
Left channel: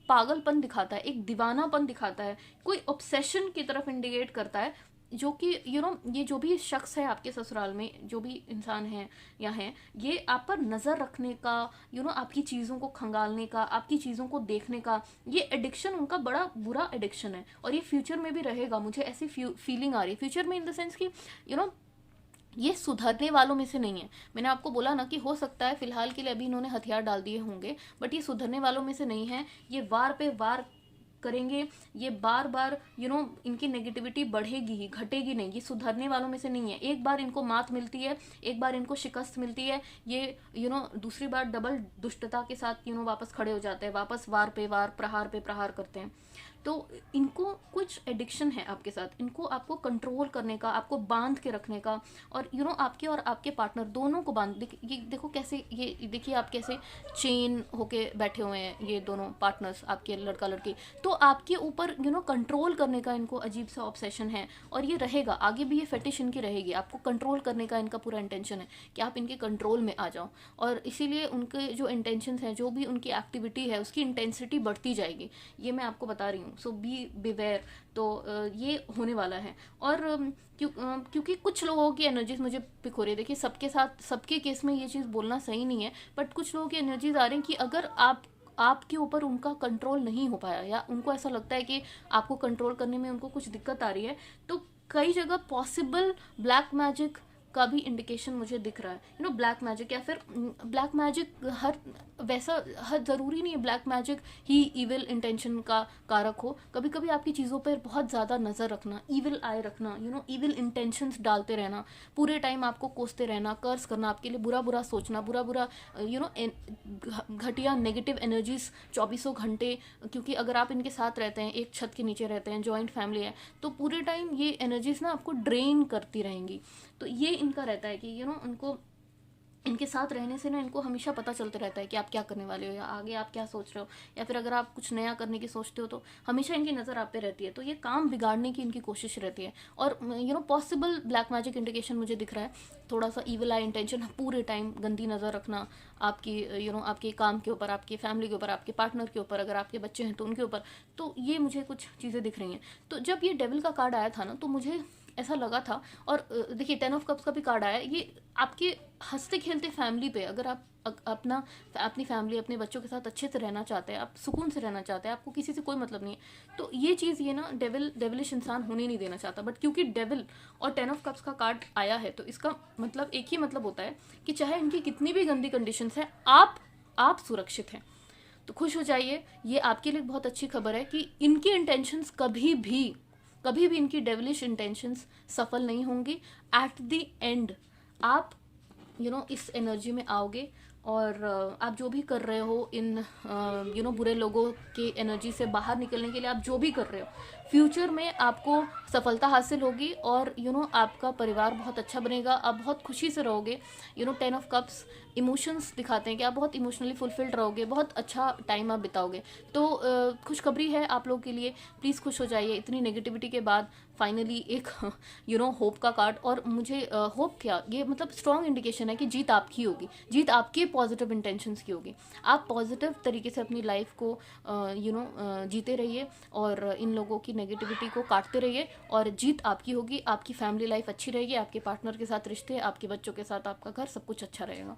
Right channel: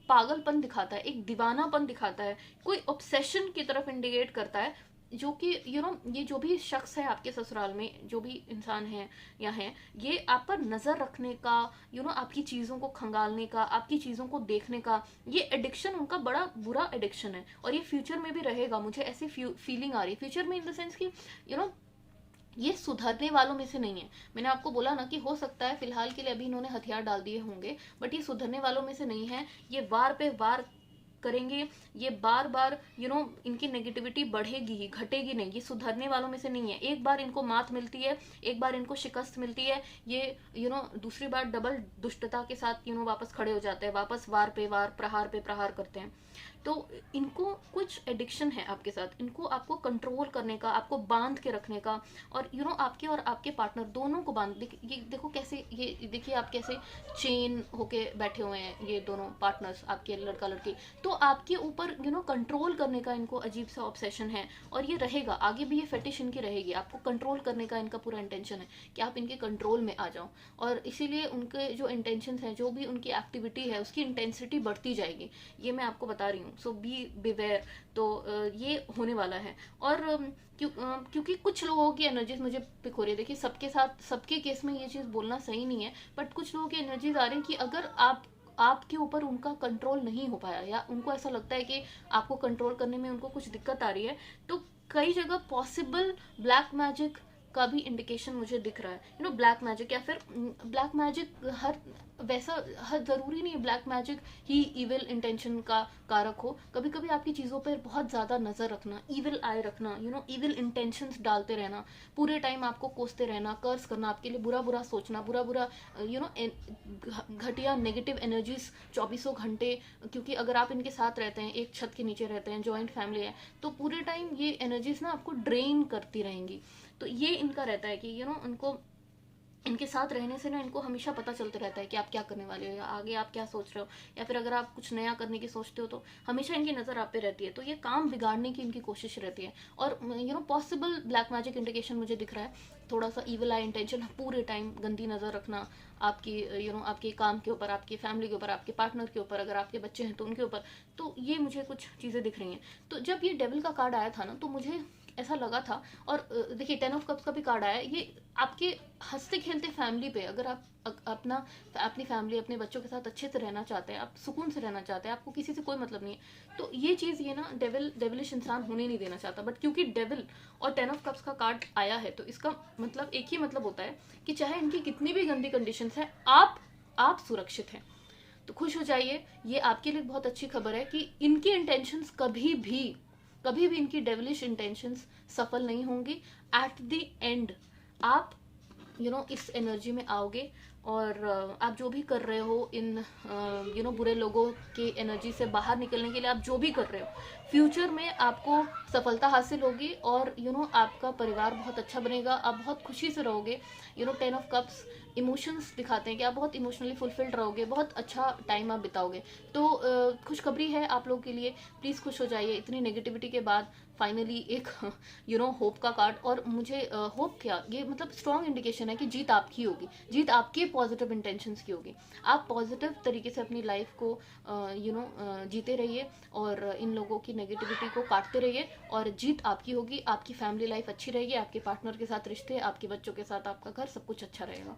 पागलपन दिखाता है, एक दीवानापन दिखाता है, कोई ऑब्सेशन की तरफ इंडिकेट करता है, जो कि ये जो भी शख्स है आपके ससुराल में, जो भी इंसान है या है, ये आप पर नज़र रखने का, आपकी चीज़ों को खंगालने का, आपकी चीज़ों को देखने का, ये एडिक्शन उनका बड़ा बुरा एडिक्शन है, और ये फ्यूचर में भी रहेगा। मुझे ऐसी फीलिंग आ रही है फ्यूचर में, इन द सेंस कि ये सुधरने वालों में से नहीं है। मैंने आपको बोला ना कि हो सकता है फिलहाल के लिए अभी इन्होंने हथियार डाल दिए होंगे, बट ये सुधरने वालों में से नहीं है। ये वार पे वार करेंगे, ये बार बार इनकी नेगेटिविटी बढ़ेगी ही, घटेगी नहीं। ये सुधरने वालों में से नहीं है। एक बार इनको मात मिलती है, एक बार इनको शिकस्त मिलती है, ये दूसरी बार डबल दुष्टता के साथ वापस खड़े हो जाते हैं, वापस वार पे वार, प्रहार पे प्रहार करते हैं। तो इनको कुछ एडिक्शन है आपके साथ, इनको आपको कंट्रोल करने का, आपको बांध के रखने का, और आपके और आपके पार्टनर दोनों को बांध, ये देखो कैसे, ये देखिए आप कैसे चेन होके बैठे हुए हैं ये दोनों पार्टनर्स, आपके लड़का लड़की। तो आपके ऊपर कंट्रोल करने का इनको अजीब सा ऑब्सेशन है, और ये रहेगा आगे भी, ये फेटिश इनकी रहेगी। आपको कंट्रोल करने का इनका पूरा इंटेंशन है कि आप इनके कंट्रोल में आ जाओ, और इसीलिए उनके जो इंटेंशन है, जो भी उनकी एक्टिविटी है, उसकी इंटेंसिटी बढ़ती जाएगी। ये मैं आपको बता रही हूँ। हूँ, सो बी बिवेयर। तो ये होने वाला है। और क्योंकि कुछ लोगों की एनर्जीज मुझे पिक हो रही है। देखिए, सबके साथ सबके केस में ये चीज़ बोलना सही नहीं है, बट कुछ लोगों की एनर्जीज आ रही हैं कि अगर आपके ऊपर उनका कंट्रोल नहीं हो पाया, या उनको ऐसा लगता है कि आपको कंट्रोल करने में उनको कुछ दिक्कत आ रही है, तो कई जगह पॉसिबल ब्लैक मैजिक का भी इंडिकेशन मुझे दिख रहा है। ब्लैक मैजिक, या फिर ब्लैक मैजिक हर ज़रूरी नहीं है ब्लैक मैजिक ही इविल इंटेंशन का कारक हो। कभी कभी आपकी चीज़ों पर बहुत ज़्यादा नज़र रखना, इविल आई रखना, इविल इंटेंशंस डालते रहना, पूरे टाइम आपको कोसते रहना, कर्स करना, आपके लिए बुरा बुरा सोचना, बुरा बुरा घटिया नेगेटिव एनर्जीज 24 घंटे। क्योंकि अगर आप इनके साथ रहते हैं, एक छत के नीचे रहते हैं, जॉइंट फैमिली है, तो पूरे टाइम ये एनर्जीज ना आपको ड्रेन करती रहेंगी। तो ये इनका रहता है कि उनको इनके साथ रहने से ना इनको हमेशा पता चलते रहता है कि आप क्या करने वाले हो, या आगे आप क्या सोच रहे हो, या फिर अगर आप कुछ नया करने की सोचते हो तो हमेशा इनकी नज़र आप पे रहती है। तो ये काम बिगाड़ने की इनकी कोशिश रहती है। और पॉसिबल ब्लैक मैजिक इंडिकेशन मुझे दिख रहा है थोड़ा सा इविल आई इंटेंशन, पूरे टाइम गंदी नज़र रखना आपकी आपके काम के ऊपर, आपकी फैमिली के ऊपर, आपके पार्टनर के ऊपर, अगर आपके बच्चे हैं तो उनके ऊपर। तो ये मुझे कुछ चीज़ें दिख रही हैं। तो जब ये डेविल का कार्ड आया था ना, तो मुझे ऐसा लगा था। और देखिए, 10 ऑफ कप्स का भी कार्ड आया, ये आपके हंसते खेलते फैमिली पे, अगर आप अपनी फैमिली, अपने बच्चों के साथ अच्छे से रहना चाहते हैं, आप सुकून से रहना चाहते हैं, आपको किसी से कोई मतलब नहीं है, तो ये चीज़ ये ना डेविलिश इंसान होने नहीं देना चाहता। बट क्योंकि डेविल और 10 ऑफ कप्स का कार्ड आया है, तो इसका मतलब एक ही मतलब होता है कि चाहे इनकी कितनी भी गंदी कंडीशंस हैं, आप सुरक्षित हैं। तो खुश हो जाइए, ये आपके लिए बहुत अच्छी खबर है कि इनकी इंटेंशंस कभी भी इनकी डेविलिश इंटेंशंस सफल नहीं होंगी। एट द एंड आप इस एनर्जी में आओगे, और आप जो भी कर रहे हो इन बुरे लोगों की एनर्जी से बाहर निकलने के लिए, आप जो भी कर रहे हो, फ्यूचर में आपको सफलता हासिल होगी। और आपका परिवार बहुत अच्छा बनेगा, आप बहुत खुशी से रहोगे। 10 ऑफ कप्स इमोशंस दिखाते हैं कि आप बहुत इमोशनली फुलफिल्ड रहोगे, बहुत अच्छा टाइम आप बिताओगे। तो खुशखबरी है आप लोगों के लिए, प्लीज़ खुश हो जाइए। इतनी नेगेटिविटी के बाद फाइनली एक होप का कार्ड। और मुझे होप क्या, ये मतलब स्ट्रॉन्ग इंडिकेशन है कि जीत आपकी होगी, जीत आपके पॉजिटिव इंटेंशंस की होगी। आप पॉजिटिव तरीके से अपनी लाइफ को जीते रहिए, और इन लोगों की नेगेटिविटी को काटते रहिए, और जीत आपकी होगी। आपकी फैमिली लाइफ अच्छी रहेगी, आपके पार्टनर के साथ रिश्ते, आपके बच्चों के साथ आपका घर, सब कुछ अच्छा रहेगा।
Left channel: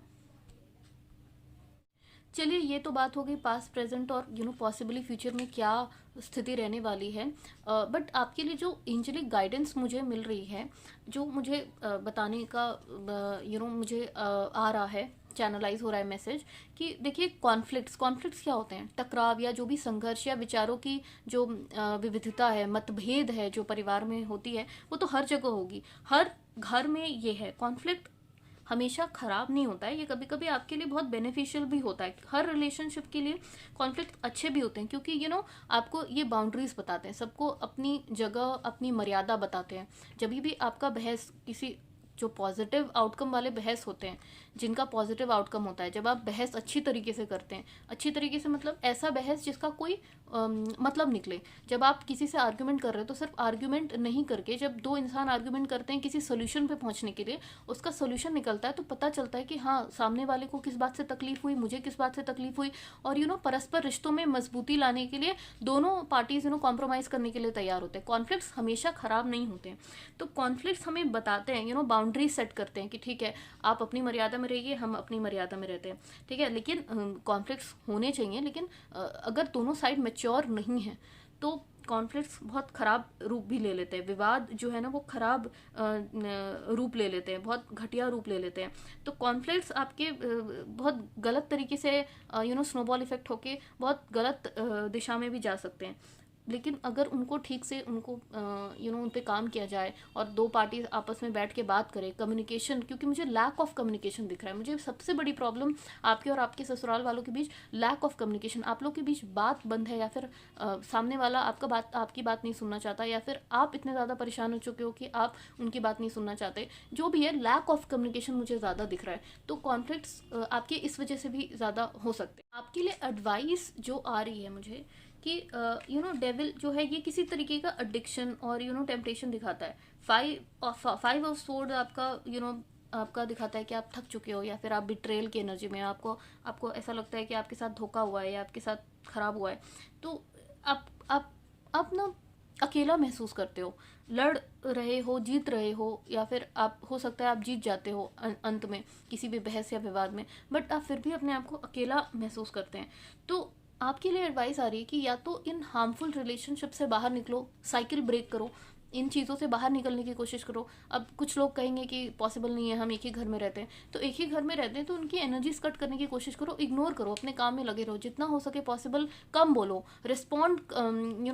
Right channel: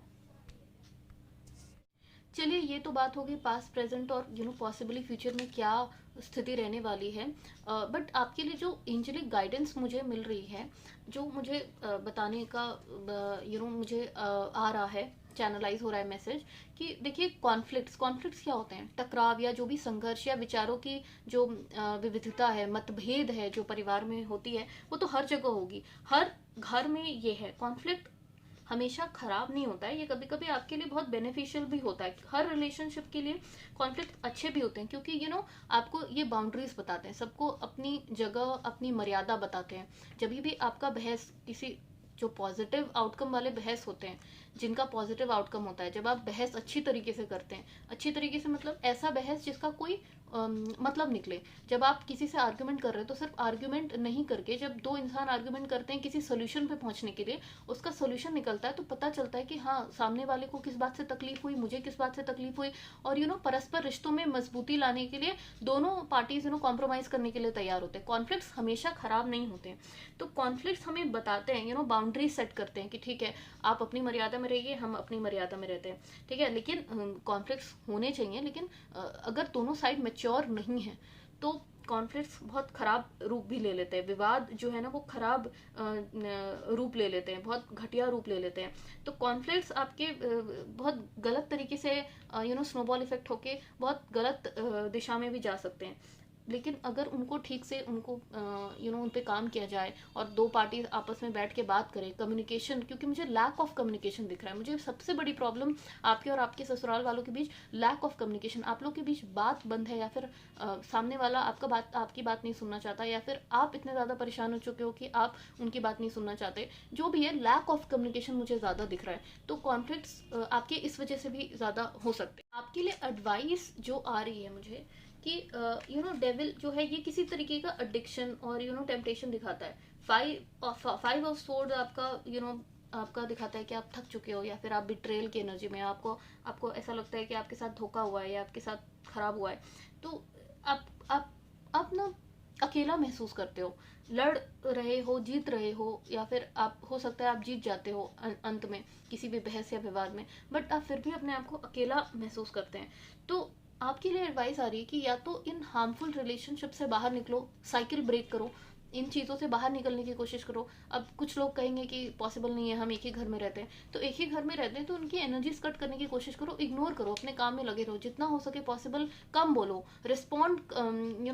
चलिए, ये तो बात हो गई पास्ट प्रेजेंट और पॉसिबली फ्यूचर में क्या स्थिति रहने वाली है। बट आपके लिए जो एंजेलिक गाइडेंस मुझे मिल रही है, जो मुझे बताने का मुझे आ रहा है, चैनलाइज हो रहा है मैसेज, कि देखिए, कॉन्फ्लिक्ट्स क्या होते हैं? टकराव या जो भी संघर्ष या विचारों की जो विविधता है, मतभेद है जो परिवार में होती है, वो तो हर जगह होगी। हर घर में ये है, कॉन्फ्लिक्ट हमेशा खराब नहीं होता है, ये कभी कभी आपके लिए बहुत बेनिफिशियल भी होता है। हर रिलेशनशिप के लिए कॉन्फ्लिक्ट अच्छे भी होते हैं, क्योंकि आपको ये बाउंड्रीज बताते हैं, सबको अपनी जगह, अपनी मर्यादा बताते हैं। जब भी आपका बहस किसी, जो पॉजिटिव आउटकम वाले बहस होते हैं, जिनका पॉजिटिव आउटकम होता है, जब आप बहस अच्छी तरीके से करते हैं, अच्छी तरीके से मतलब ऐसा बहस जिसका कोई मतलब निकले। जब आप किसी से आर्ग्यूमेंट कर रहे हो, तो सिर्फ आर्ग्यूमेंट नहीं करके, जब दो इंसान आर्ग्यूमेंट करते हैं किसी सोल्यूशन पे पहुंचने के लिए, उसका सोल्यूशन निकलता है, तो पता चलता है कि हाँ, सामने वाले को किस बात से तकलीफ हुई, मुझे किस बात से तकलीफ हुई। और परस्पर रिश्तों में मजबूती लाने के लिए दोनों पार्टीज कॉम्प्रोमाइज करने के लिए तैयार होते हैं। कॉन्फ्लिक्ट्स हमेशा खराब नहीं होते हैं। तो कॉन्फ्लिक्ट्स हमें बताते हैं, बाउंड्री सेट करते हैं कि ठीक है, आप अपनी मर्यादा में रहिए, हम अपनी मर्यादा में रहते हैं, ठीक है। लेकिन कॉन्फ्लिक्ट्स होने चाहिए, लेकिन अगर दोनों साइड मैच्योर नहीं है, तो कॉन्फ्लिक्ट्स बहुत खराब रूप भी ले लेते हैं। विवाद जो है ना, वो खराब रूप ले लेते हैं, बहुत घटिया रूप ले लेते हैं। तो कॉन्फ्लिक्ट्स आपके बहुत गलत तरीके से स्नोबॉल इफेक्ट होके बहुत गलत दिशा में भी जा सकते हैं। लेकिन अगर उनको ठीक से उनको उन पे काम किया जाए, और दो पार्टी आपस में बैठ के बात करें, कम्युनिकेशन, क्योंकि मुझे लैक ऑफ कम्युनिकेशन दिख रहा है। मुझे सबसे बड़ी प्रॉब्लम आपके और आपके ससुराल वालों के बीच लैक ऑफ कम्युनिकेशन। आप लोग के बीच बात बंद है, या फिर सामने वाला आपकी बात नहीं सुनना चाहता, या फिर आप इतने ज़्यादा परेशान हो चुके हो कि आप उनकी बात नहीं सुनना चाहते। जो भी है, लैक ऑफ कम्युनिकेशन मुझे ज़्यादा दिख रहा है। तो कॉन्फ्लिक्ट्स आपके इस वजह से भी ज़्यादा हो सकते हैं। आपके लिए एडवाइस जो आ रही है मुझे, कि डेविल जो है, ये किसी तरीके का एडिक्शन और टेम्पटेशन दिखाता है। 5 ऑफ सोर्ड आपका आपका दिखाता है कि आप थक चुके हो, या फिर आप बिट्रेल की एनर्जी में, आपको ऐसा लगता है कि आपके साथ धोखा हुआ है, या आपके साथ खराब हुआ है। तो आप आप ना अकेला महसूस करते हो, लड़ रहे हो, जीत रहे हो, या फिर आप हो सकता है आप जीत जाते हो अंत में किसी भी बहस या विवाद में, बट आप फिर भी अपने आप को अकेला महसूस करते हैं। तो आपके लिए एडवाइस आ रही है कि या तो इन हार्मफुल रिलेशनशिप से बाहर निकलो, साइकिल ब्रेक करो, इन चीज़ों से बाहर निकलने की कोशिश करो। अब कुछ लोग कहेंगे कि पॉसिबल नहीं है, हम एक ही घर में रहते हैं, तो एक ही घर में रहते हैं तो उनकी एनर्जीज कट करने की कोशिश करो, इग्नोर करो, अपने काम में लगे रहो, जितना हो सके पॉसिबल कम बोलो, रिस्पॉन्ड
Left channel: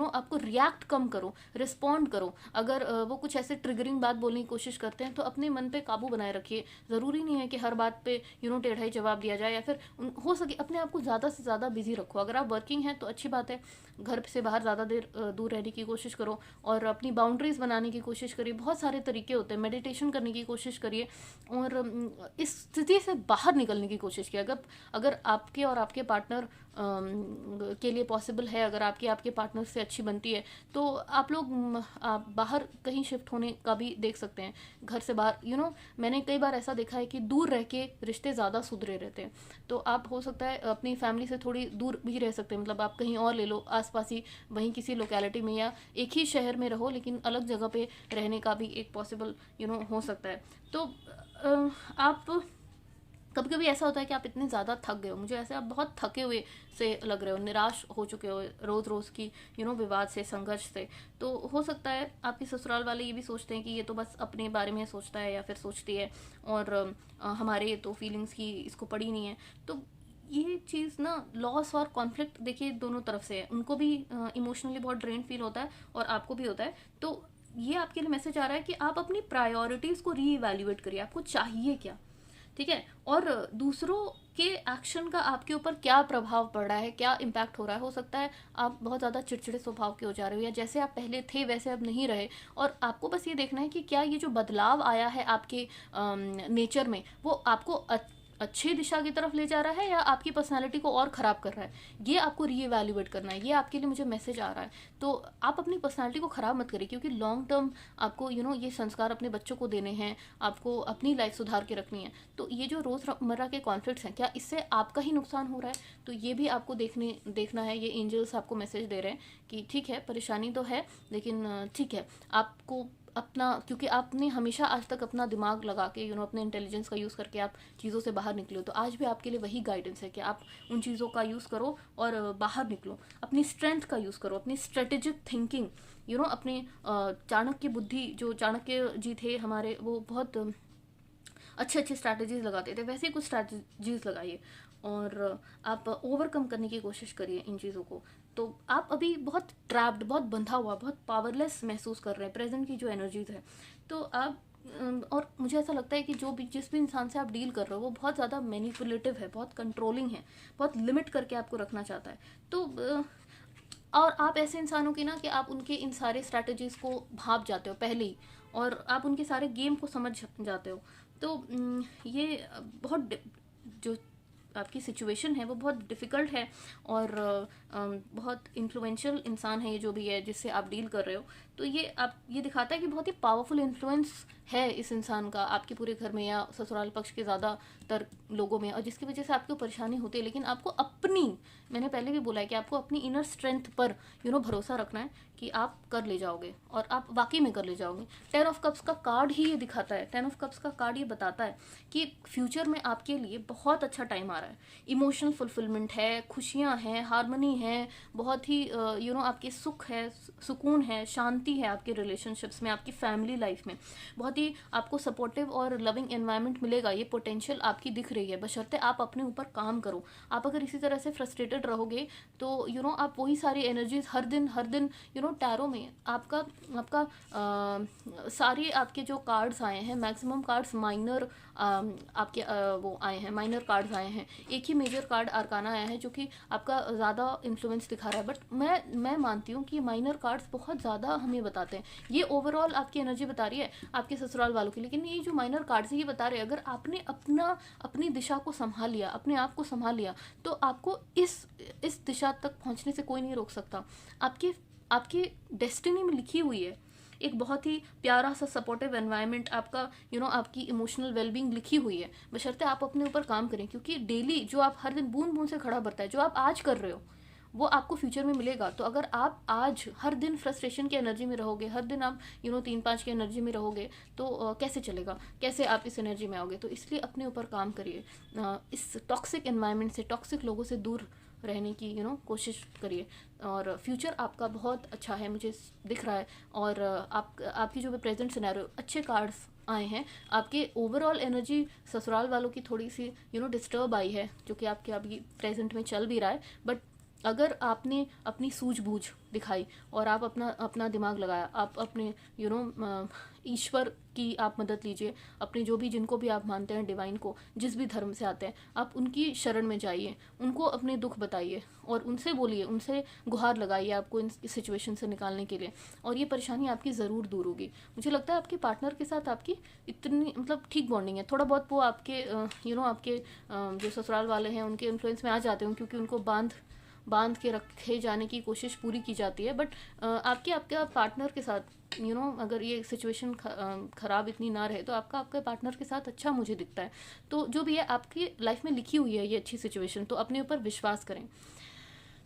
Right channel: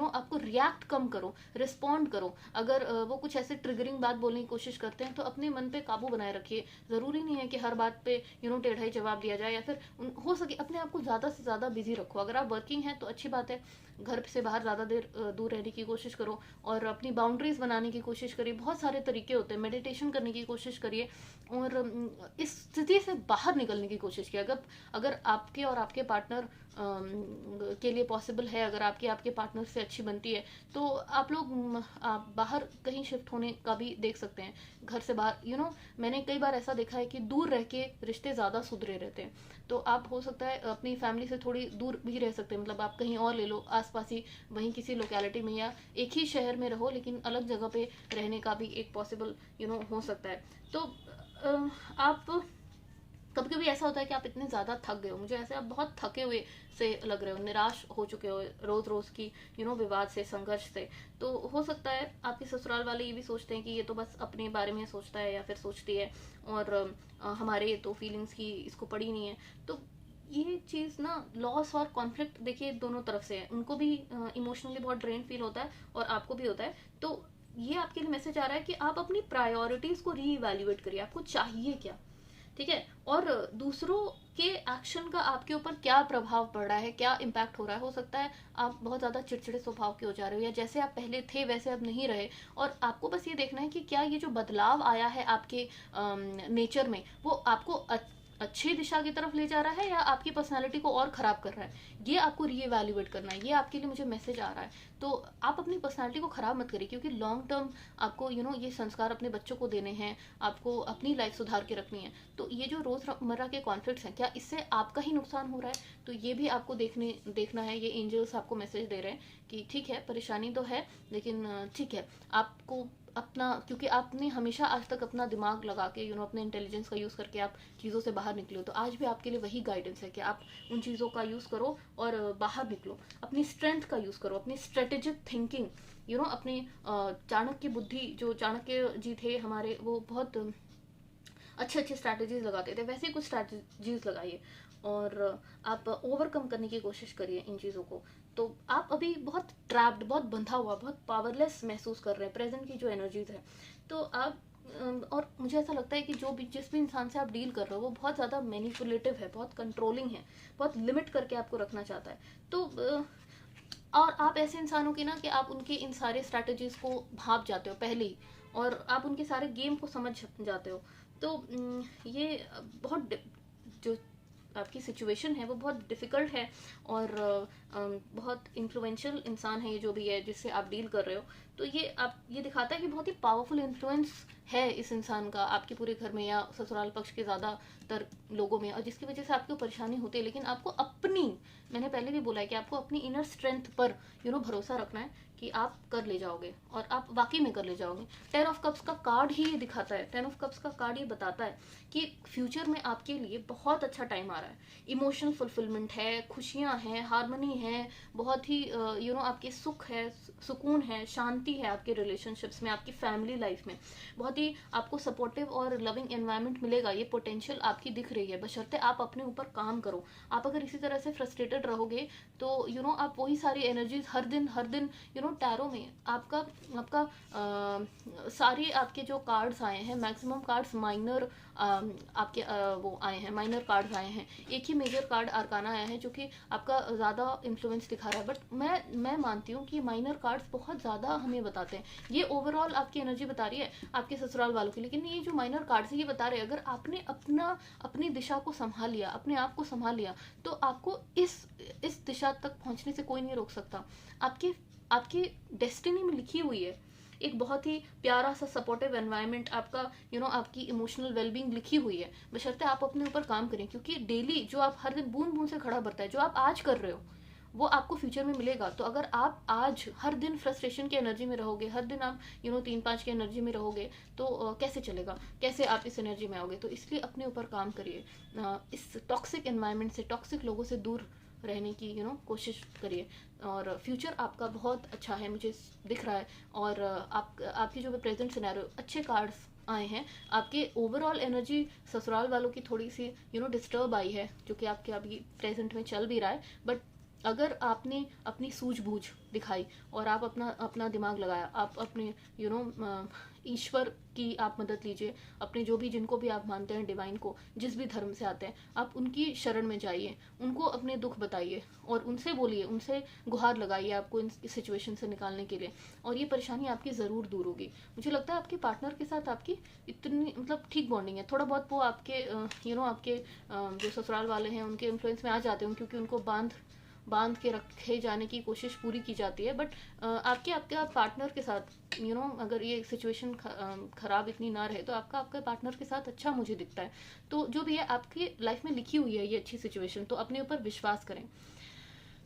आपको रिएक्ट कम करो, रिस्पॉन्ड करो। अगर वो कुछ ऐसे ट्रिगरिंग बात बोलने की कोशिश करते हैं तो अपने मन पे काबू बनाए रखिए। ज़रूरी नहीं है कि हर बात पे टेढ़ा ही जवाब दिया जाए, या फिर हो सके अपने आप को ज़्यादा से ज़्यादा बिजी रखो। अगर आप वर्किंग हैं तो अच्छी बात है, घर से बाहर ज़्यादा देर दूर रहने की कोशिश करो और अपनी बाउंड्रीज बनाने की कोशिश करिए। बहुत सारे तरीके होते हैं, मेडिटेशन करने की कोशिश करिए और इस स्थिति से बाहर निकलने की कोशिश कीजिए। अगर अगर आपके और आपके पार्टनर के लिए पॉसिबल है, अगर आपकी आपके पार्टनर से अच्छी बनती है, तो आप लोग आप बाहर कहीं शिफ्ट होने का भी देख सकते हैं, घर से बाहर। मैंने कई बार ऐसा देखा है कि दूर रह के रिश्ते ज़्यादा सुधरे रहते हैं। तो आप हो सकता है अपनी फैमिली से थोड़ी दूर भी रह सकते हैं, मतलब आप कहीं और ले लो आसपास ही, वहीं किसी लोकेलिटी में, या एक ही शहर में रहो लेकिन अलग जगह पे रहने का भी एक पॉसिबल हो सकता है। तो आप कभी कभी ऐसा होता है कि आप इतने ज़्यादा थक गए हो, मुझे ऐसे आप बहुत थके हुए से लग रहे हो, निराश हो चुके हो रोज़ रोज़ की विवाद से, संघर्ष से। तो हो सकता है आपके ससुराल वाले ये भी सोचते हैं कि ये तो बस अपने बारे में सोचता है या फिर सोचती है, और हमारे तो फीलिंग्स की इसको पड़ी नहीं है। तो ये चीज़ ना, लॉस और कॉन्फ्लिक्ट देखिए दोनों तरफ से है, उनको भी इमोशनली बहुत ड्रेन फील होता है और आपको भी होता है। तो ये आपके लिए मैसेज आ रहा है कि आप अपनी प्रायोरिटीज़ को रीइवैल्यूएट करिए, आपको चाहिए क्या, ठीक है, और दूसरों के एक्शन का आपके ऊपर क्या प्रभाव पड़ रहा है, क्या इम्पैक्ट हो रहा है। हो सकता है आप बहुत ज़्यादा चिड़चिड़े स्वभाव के हो जा रहे हो, या जैसे आप पहले थे वैसे अब नहीं रहे, और आपको बस ये देखना है कि क्या ये जो बदलाव आया है आपके नेचर में, वो आपको अच्छी दिशा की तरफ ले जा रहा है या आपकी पर्सनालिटी को और ख़राब कर रहा है। ये आपको रीएवैल्यूएट करना है, ये आपके लिए मुझे मैसेज आ रहा है। तो आप अपनी पर्सनालिटी को ख़राब मत करिए, क्योंकि लॉन्ग टर्म आपको ये संस्कार अपने बच्चों को देने हैं, आपको अपनी लाइफ सुधार के रखनी है। तो ये जो रोज़मर्रा के कॉन्फ्लिक्ट्स हैं, क्या इससे आपका ही नुकसान हो रहा है, तो ये भी आपको देखना है। ये एंजल्स आपको मैसेज दे रहे हैं कि ठीक है, परेशानी तो है, लेकिन ठीक है, आपको अपना, क्योंकि आपने हमेशा आज तक अपना दिमाग लगा के अपने इंटेलिजेंस का यूज़ करके आप चीज़ों से बाहर निकले हो, तो आज भी आपके लिए वही गाइडेंस है कि आप उन चीज़ों का यूज़ करो और बाहर निकलो, अपनी स्ट्रेंथ का यूज़ करो, अपनी स्ट्रेटेजिक थिंकिंग, अपने चाणक्य बुद्धि, जो चाणक्य जी थे हमारे, वो बहुत अच्छे अच्छे स्ट्रैटेजीज लगाते थे, वैसे ही कुछ स्ट्रैटेजीज लगाइए और आप ओवरकम करने की कोशिश करिए इन चीज़ों को। तो आप अभी बहुत ट्रैप्ड, बहुत बंधा हुआ, बहुत पावरलेस महसूस कर रहे हैं, प्रेजेंट की जो एनर्जीज है। तो आप और मुझे ऐसा लगता है कि जिस भी इंसान से आप डील कर रहे हो वो बहुत ज़्यादा मैनिपुलेटिव है, बहुत कंट्रोलिंग है, बहुत लिमिट करके आपको रखना चाहता है। तो और आप ऐसे इंसानों के ना कि आप उनके इन सारे स्ट्रैटेजीज को भाप जाते हो पहले ही, और आप उनके सारे गेम को समझ जाते हो। तो ये बहुत जो आपकी सिचुएशन है वो बहुत डिफ़िकल्ट है, और बहुत इन्फ्लुएंशियल इंसान है ये जो भी है जिससे आप डील कर रहे हो। तो ये दिखाता है कि बहुत ही पावरफुल इन्फ्लुएंस है इस इंसान का आपके पूरे घर में या ससुराल पक्ष के ज़्यादातर लोगों में, और जिसकी वजह से आपको परेशानी होती है। लेकिन आपको मैंने पहले भी बोला है कि आपको अपनी इनर स्ट्रेंथ पर भरोसा रखना है कि आप कर ले जाओगे, और आप वाकई में कर ले जाओगे। 10 ऑफ कप्स का कार्ड ही ये दिखाता है, 10 ऑफ कप्स का कार्ड ये बताता है कि फ्यूचर में आपके लिए बहुत अच्छा टाइम आ रहा है। इमोशनल फुलफिलमेंट है, खुशियाँ हैं, हार्मनी है, बहुत ही आपके सुख है, सुकून है, शांति है आपके रिलेशनशिप्स में, आपकी फैमिली लाइफ में। बहुत ही आपको सपोर्टिव और लविंग एनवायरनमेंट मिलेगा, ये पोटेंशियल आपकी दिख रही है, बशर्ते आप अपने ऊपर काम करो। आप अगर इसी तरह से फ्रस्ट्रेटेड रहोगे तो आप वही सारी एनर्जीज हर दिन टैरो में आपका सारे आपके जो कार्ड्स आए हैं, मैक्सिमम कार्ड्स माइनर आपके वो आए हैं, माइनर कार्ड्स आए हैं। एक ही मेजर कार्ड आर्काना आया है जो कि आपका ज़्यादा इन्फ्लुएंस दिखा रहा है, बट मैं मानती हूँ कि माइनर कार्ड्स बहुत ज़्यादा हमें बताते हैं। ये ओवरऑल आपकी एनर्जी बता रही है आपके ससुराल वालों की, लेकिन ये जो माइनर कार्ड्स है ये बता रहे हैं अगर आपने अपनी दिशा को संभाल लिया, अपने आप को संभाल लिया, तो आपको इस दिशा तक पहुँचने से कोई नहीं रोक सकता। आपकी डेस्टिनी में लिखी हुई है एक बहुत ही प्यारा सा सपोर्टिव एनवायरनमेंट, आपका आपकी इमोशनल वेलबींग लिखी हुई है, बशर्ते आप अपने ऊपर काम करें। क्योंकि डेली जो आप हर दिन बूंद बूंद से खड़ा भरता है, जो आप आज कर रहे हो वो आपको फ्यूचर में मिलेगा। तो अगर आप आज हर दिन फ्रस्ट्रेशन की एनर्जी में रहोगे, हर दिन आप 3-5 की एनर्जी में रहोगे, तो कैसे चलेगा, कैसे आप इस एनर्जी में आओगे। तो इसलिए अपने ऊपर काम करिए, इस टॉक्सिक एनवायरनमेंट से, टॉक्सिक लोगों से दूर रहने की कोशिश करिए। और फ्यूचर आपका बहुत अच्छा है, मुझे दिख रहा है। और आपकी जो प्रेजेंट सिनेरियो, अच्छे कार्ड्स आए हैं। आपके ओवरऑल एनर्जी ससुराल वालों की थोड़ी सी डिस्टर्ब आई है, जो कि आपके अभी प्रेजेंट में चल भी रहा है। बट अगर आपने अपनी सूझबूझ दिखाई और आप अपना अपना दिमाग लगाया, आप अपने ईश्वर की आप मदद लीजिए, अपने जो भी, जिनको भी आप मानते हैं, डिवाइन को, जिस भी धर्म से आते हैं, आप उनकी शरण में जाइए, उनको अपने दुख बताइए और उनसे बोलिए, उनसे गुहार लगाइए आपको इस सिचुएशन से निकालने के लिए, और ये परेशानी आपकी ज़रूर दूर होगी। मुझे लगता है आपके पार्टनर के साथ आपकी इतनी ठीक बॉन्डिंग है। थोड़ा बहुत वो आपके आपके जो ससुराल वाले हैं उनके इन्फ्लुएंस में आ जाते हैं, क्योंकि उनको बांध बांध के रखे जाने की कोशिश पूरी की जाती है। बट आपके आपके पार्टनर के साथ अगर ये सिचुएशन ख़राब इतनी ना रहे, तो आपका आपके पार्टनर के साथ अच्छा मुझे दिखता है। तो जो भी है आपकी लाइफ में लिखी हुई है ये अच्छी सिचुएशन, तो अपने ऊपर विश्वास करें।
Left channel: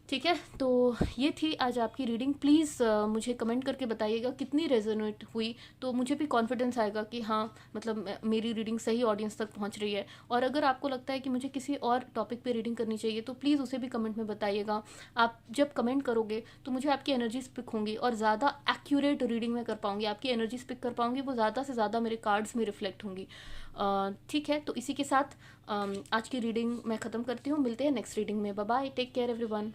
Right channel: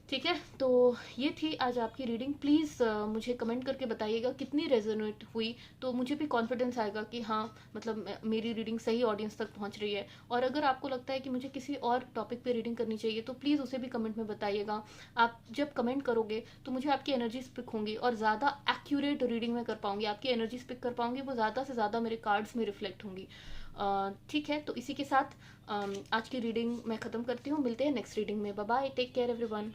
ठीक है, तो ये थी आज आपकी रीडिंग। प्लीज़ मुझे कमेंट करके बताइएगा कितनी रेजोनेट हुई, तो मुझे भी कॉन्फिडेंस आएगा कि हाँ, मतलब मेरी रीडिंग सही ऑडियंस तक पहुंच रही है। और अगर आपको लगता है कि मुझे किसी और टॉपिक पे रीडिंग करनी चाहिए, तो प्लीज़ उसे भी कमेंट में बताइएगा। आप जब कमेंट करोगे तो मुझे आपकी एनर्जीज पिक होंगी, और ज़्यादा एक्यूरेट रीडिंग में कर पाऊंगी, आपकी एनर्जीज पिक कर पाऊंगी, वो ज़्यादा से ज़्यादा मेरे कार्ड्स में रिफ्लेक्ट होंगी। ठीक है, तो इसी के साथ आज की रीडिंग मैं ख़त्म करती हूँ। मिलते हैं नेक्स्ट रीडिंग में। Bye bye, take care everyone.